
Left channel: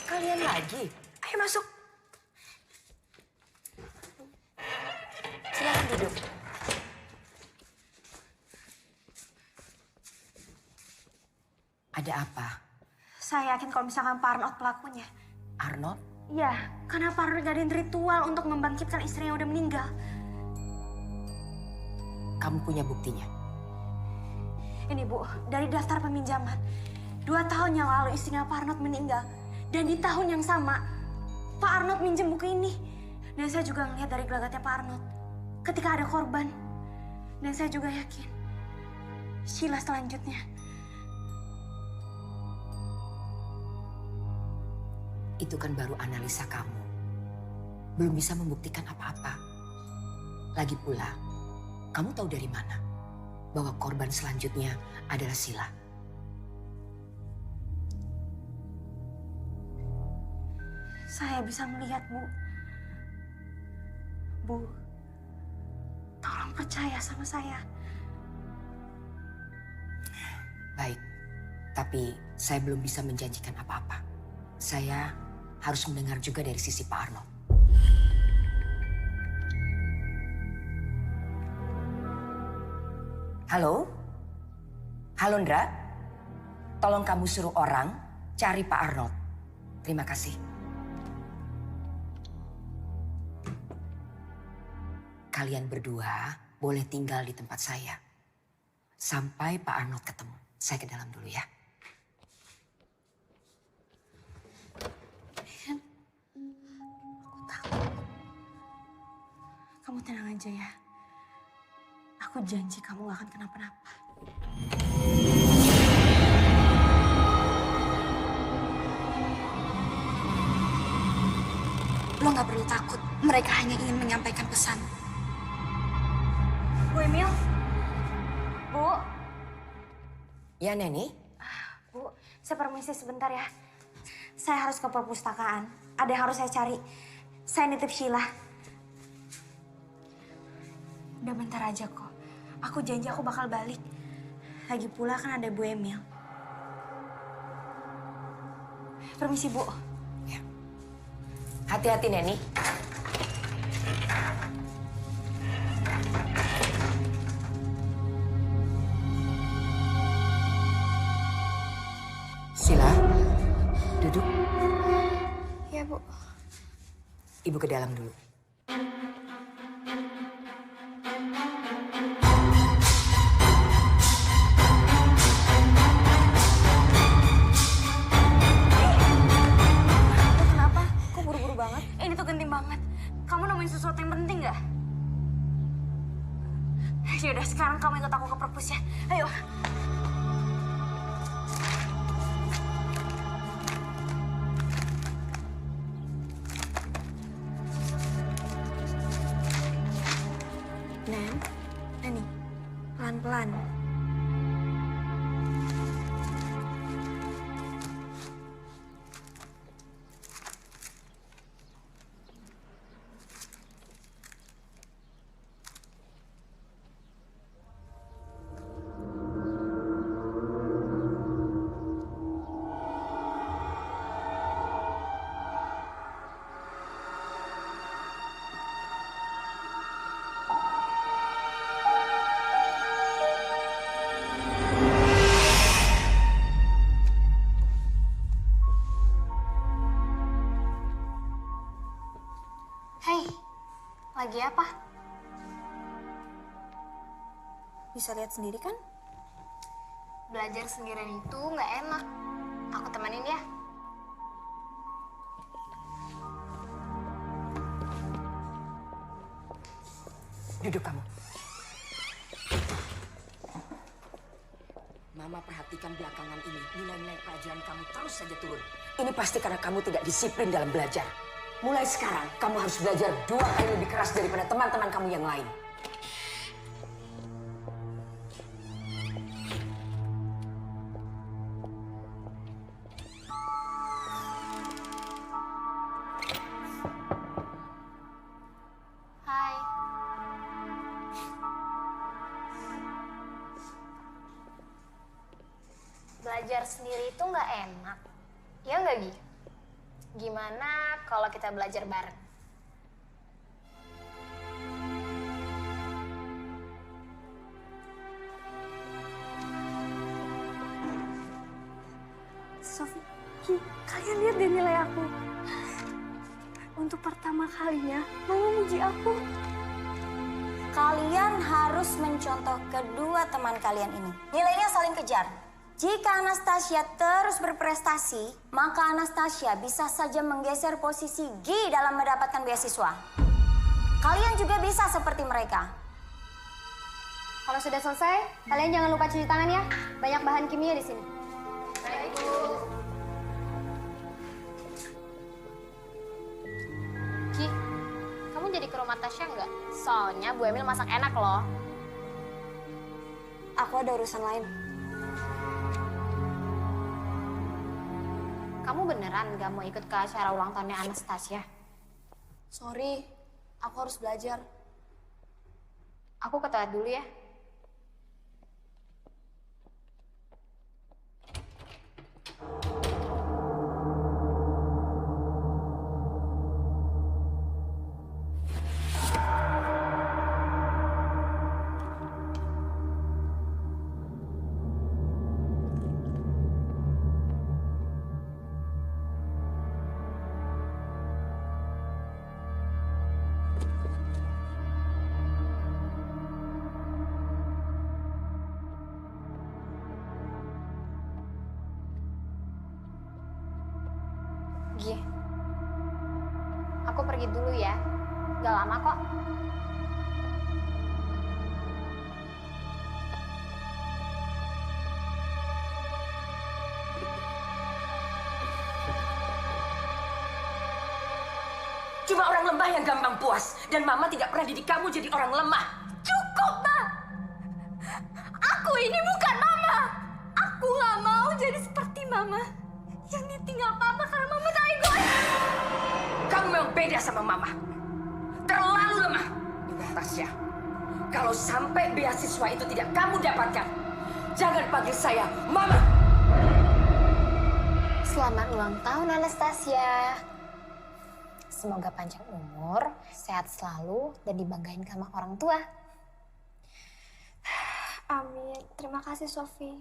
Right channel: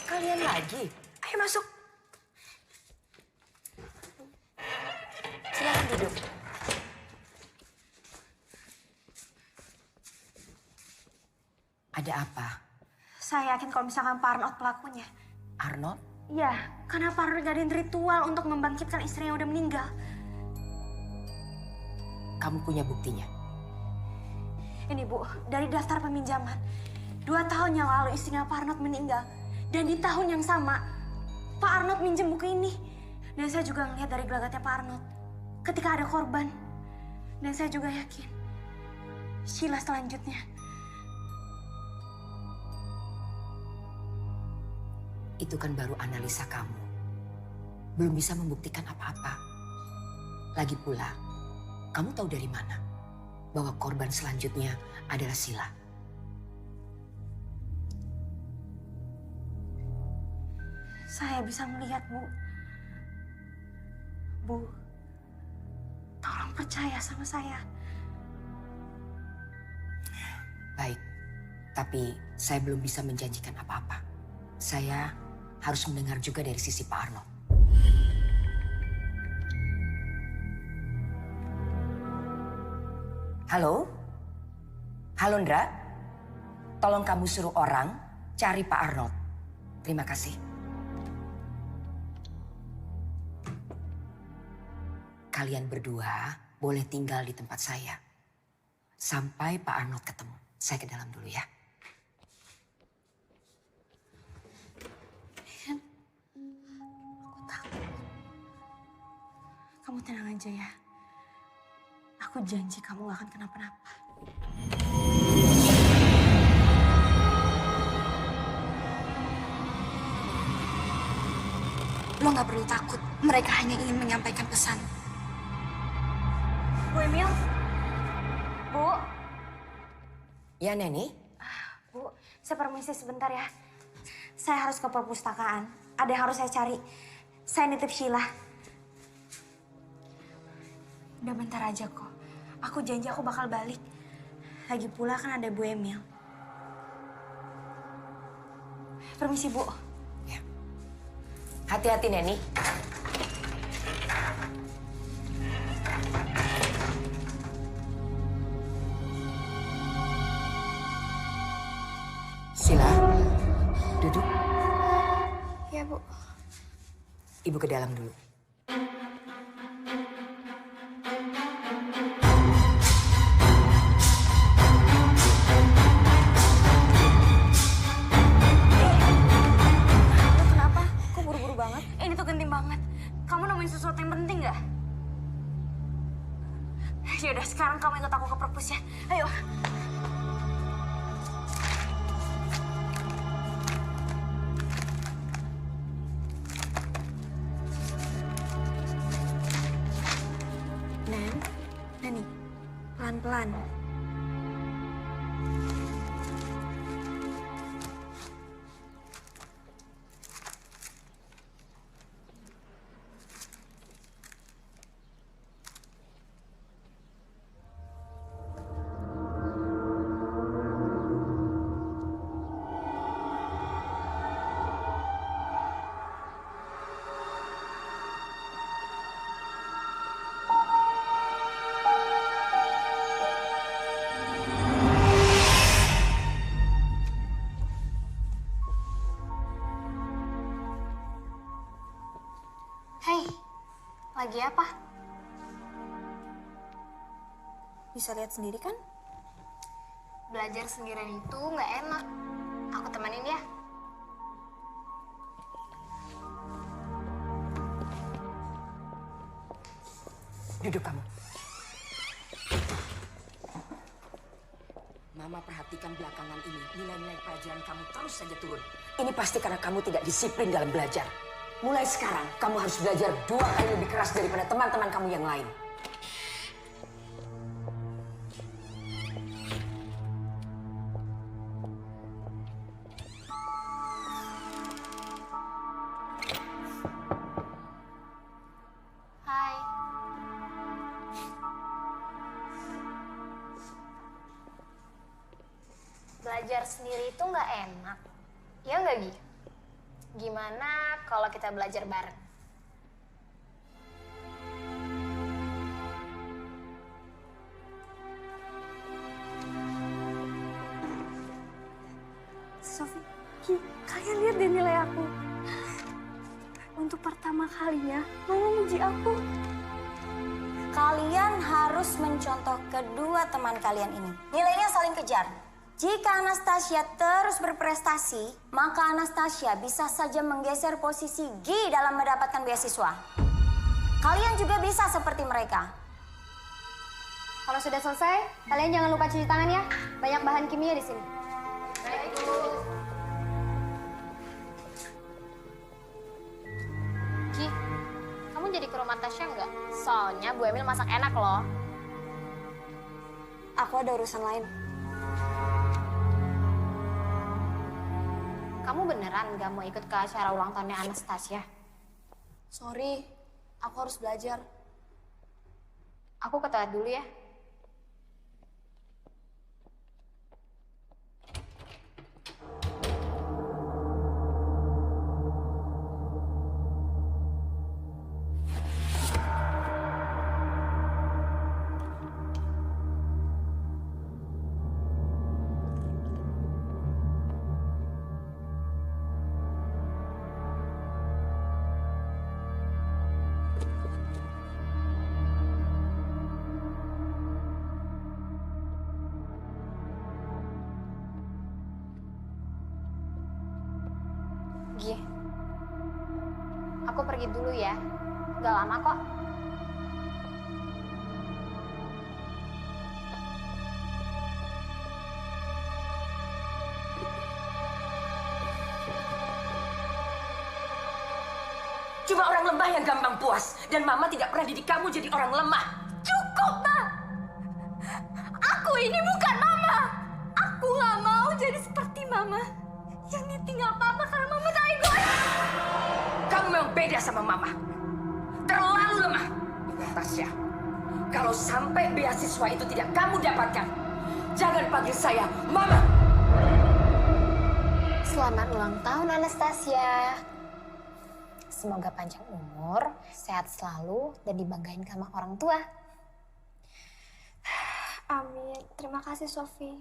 Kalian lagi. Ayo masuk. Silakan duduk. Ada apa? Saya yakin kalau misalkan Pak Arnold pelakunya. Arnold? Iya, karena Pak Arnold ngadain ritual untuk membangkitkan istrinya yang udah meninggal. Kamu punya buktinya? Ini Bu, dari daftar peminjaman. 2 tahun yang lalu istrinya Pak Arnold meninggal. Dan di tahun yang sama, Pak Arnold minjem buku ini. Dan saya juga ngelihat dari gelagatnya Pak Arnold. Ketika ada korban. Dan saya juga yakin. Sheila selanjutnya. Itu kan baru analisa kamu. Belum bisa membuktikan apa-apa. Lagi pula, kamu tahu dari mana bahwa korban selanjutnya adalah Sheila? Saya bisa melihat, Bu. Bu, tolong percaya sama saya. Baik, tapi saya belum bisa menjanjikan apa-apa. Saya harus mendengar juga dari sisi Pak Arnold. Halo? Halo, Ndra? Tolong kamu suruh orang cari Pak Arnold. Terima kasih. Kalian berdua boleh tinggal di tempat saya. Sampai Pak Arnold ketemu. Saya ke dalam dulu ya. Kamu tenang aja ya. Aku janji kamu gak akan kenapa-napa. Lo gak perlu takut. Mereka hanya ingin menyampaikan pesan. Bu Emil? Bu? Ya, Neni? Bu, saya permisi sebentar ya. Saya harus ke perpustakaan. Ada yang harus saya cari. Saya nitip Sheila. Udah bentar aja kok. Aku janji aku bakal balik. Lagi pula kan ada Bu Emil. Permisi, Bu. Ya. Hati-hati, Neni. Sheila, duduk. Ya, Bu. Ibu ke dalam dulu. Lo kenapa? Kok buru-buru banget? Ini tuh genting banget. Kamu nemuin sesuatu yang penting gak? Yaudah, sekarang kamu ikut aku ke perpus ya. Ayo. Neni, pelan-pelan. Hei, lagi apa? Bisa lihat sendiri kan? Belajar sendirian itu nggak enak. Aku temenin ya. Duduk kamu. Mama perhatikan belakangan ini, nilai-nilai pelajaran kamu terus saja turun. Ini pasti karena kamu tidak disiplin dalam belajar. Mulai sekarang, kamu harus belajar 2 kali lebih keras daripada teman-teman kamu yang lain. belajar sendiri itu nggak enak. Ya nggak, Gi? Gimana kalau kita belajar bareng? Sofi, Ki, kalian lihat deh nilai aku. Untuk pertama kalinya, Mama muji aku. Kalian harus mencontoh kedua teman kalian ini. Nilainya saling kejar. Jika Anastasia terus berprestasi, maka Anastasia bisa saja menggeser posisi Gi dalam mendapatkan beasiswa. Kalian juga bisa seperti mereka. Kalau sudah selesai, kalian jangan lupa cuci tangan ya. Banyak bahan kimia di sini. Baik, Bu. Gi, kamu jadi ke rumah Tasya nggak? Soalnya Bu Emil masak enak loh. Aku ada urusan lain. Kamu beneran nggak mau ikut ke acara ulang tahunnya Anastasia? Sorry, aku harus belajar. Aku ke toilet dulu ya. Gi, aku pergi dulu ya. Gak lama kok. Cuma orang lemah yang gampang puas. Dan Mama tidak pernah didik kamu jadi orang lemah. Cukup, Ma! Aku ini bukan Mama! Aku gak mau jadi seperti Mama. Yang ditinggal Papa karena Mama tak egois. Kamu memang beda sama Mama. Terlalu lemah. Ingat, Tasya. Kalau sampai beasiswa itu tidak kamu dapatkan, jangan panggil saya Mama. Selamat ulang tahun Anastasia. Semoga panjang umur, sehat selalu, dan dibanggain sama orang tua. Amin. Terima kasih, Sofi.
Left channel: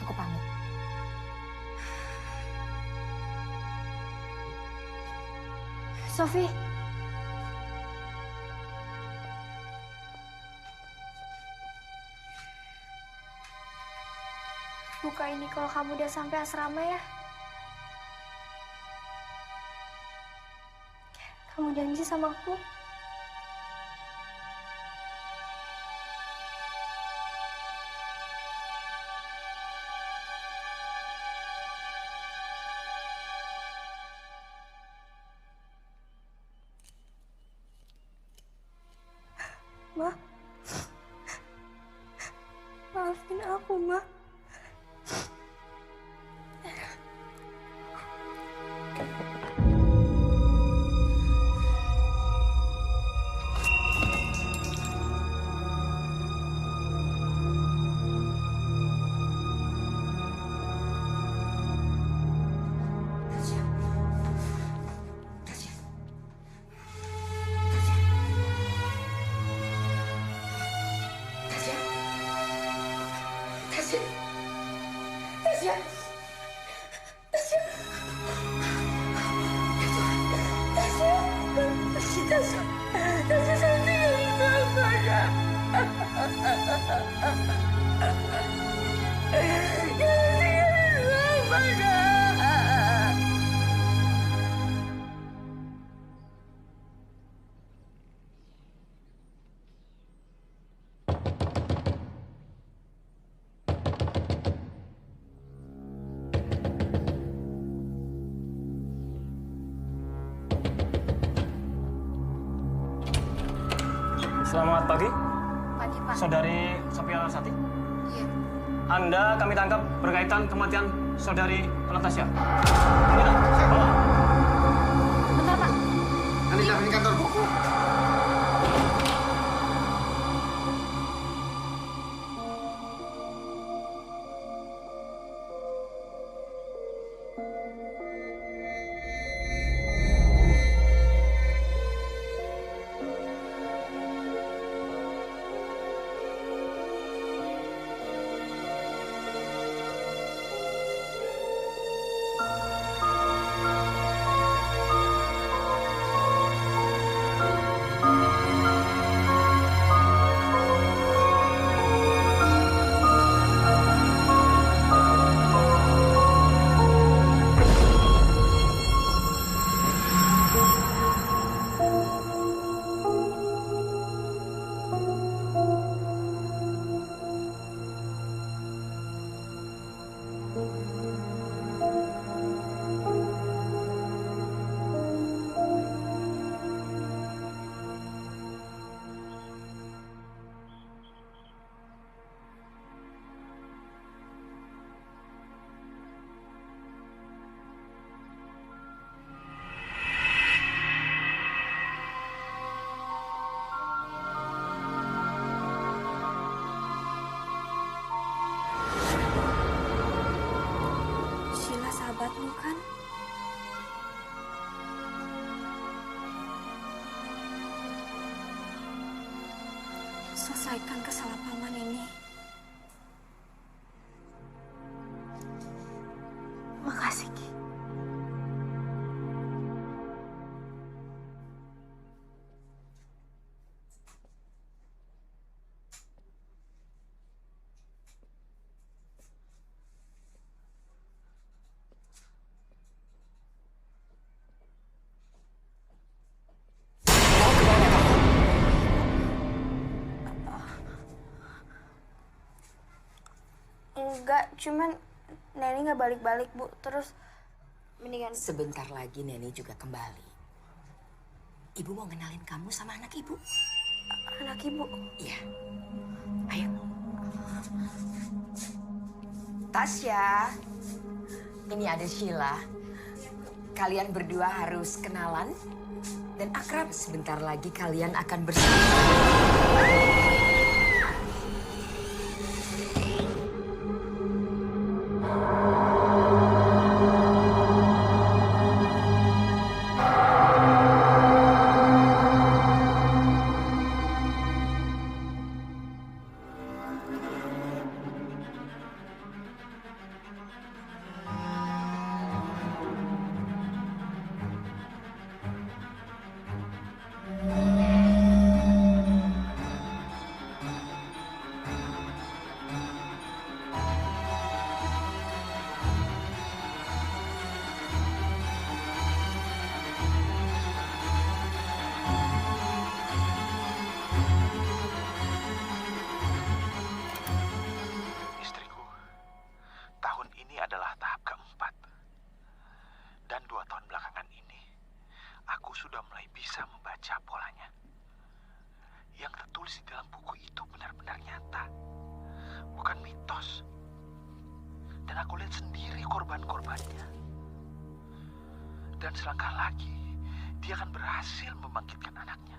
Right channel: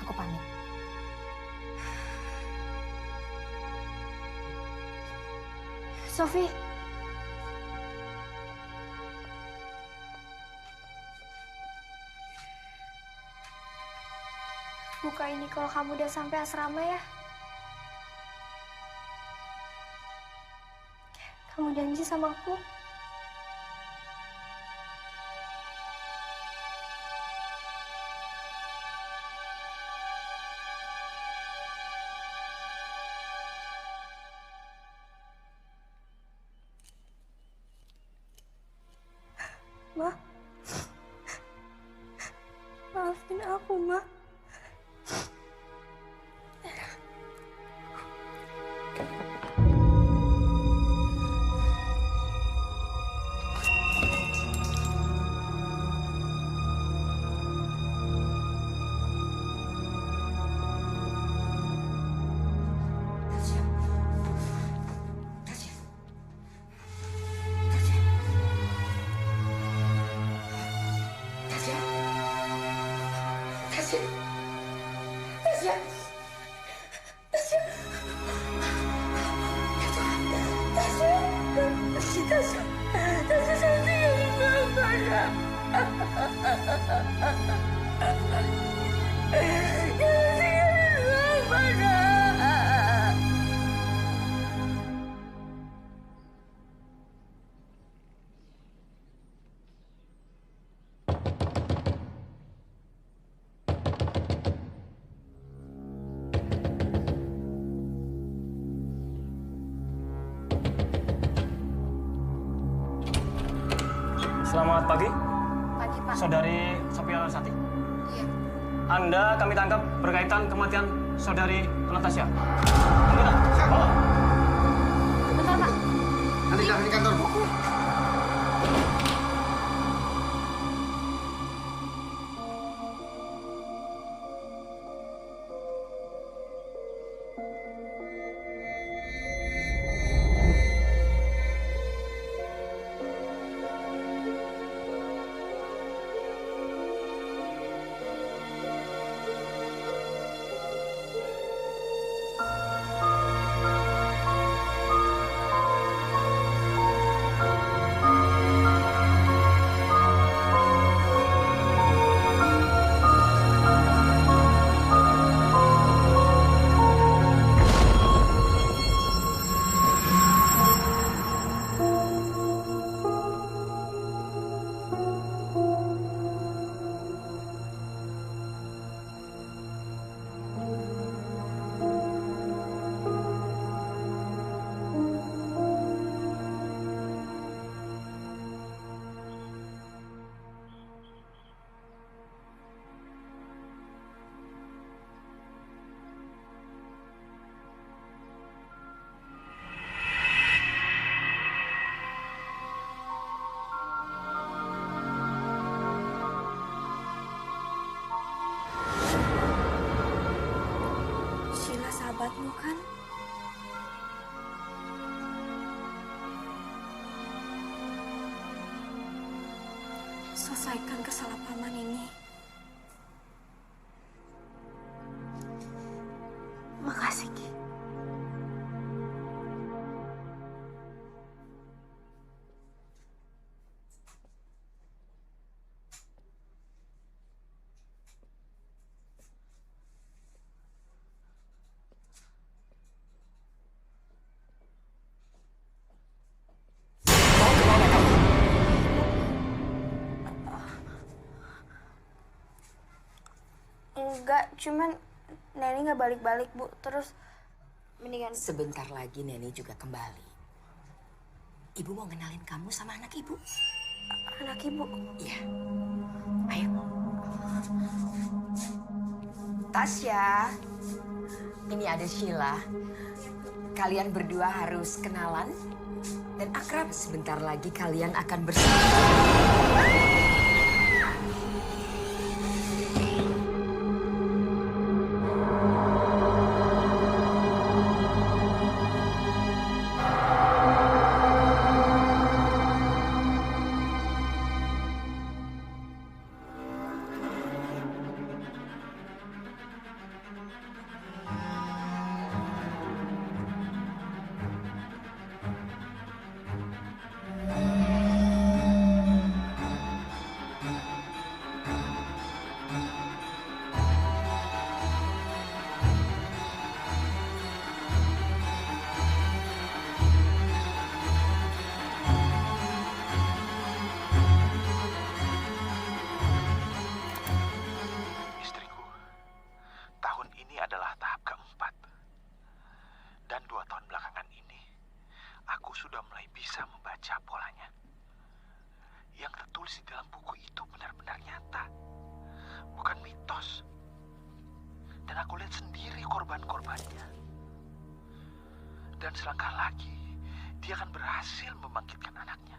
Aku pamit. Sofi. Buka ini kalau kamu udah sampai asrama ya. Kamu janji sama aku? Ma. Maafin aku, Ma. Tasya. Tasya. Tasya. Tasya. Ya Tuhan. Tasya. Tasya. Tasya. Tasya saya tinggalin Mama, Nak. Jangan tinggalin Mama, Nak. Selamat pagi, Pagi, Pak. Saudari Sophia Larsati. Iya. Anda kami tangkap berkaitan kematian Saudari Anastasia. Anggota, bawa. Bentar, Pak. Nanti jangan di kantor, Bu. Sheila sahabatmu kan? Selesaikan kesalahpahaman ini. Makasih, Ki. Mau kemana kamu? Enggak, cuman Neni nggak balik-balik, Bu. Terus mendingan Sebentar lagi Neni juga kembali. Ibu mau kenalin kamu sama anak ibu. anak Ibu. Iya. Ayo. Tasya. Ini ada Sheila. Kalian berdua harus kenalan dan akrab. Sebentar lagi kalian akan bersatu. Istriku, tahun ini adalah tahap keempat. Dan 2 tahun belakangan ini, aku sudah mulai bisa membaca polanya. Yang tertulis di dalam buku itu benar-benar nyata. Bukan mitos. Dan aku lihat sendiri korban-korbannya. Dan selangkah lagi, dia akan berhasil membangkitkan anaknya.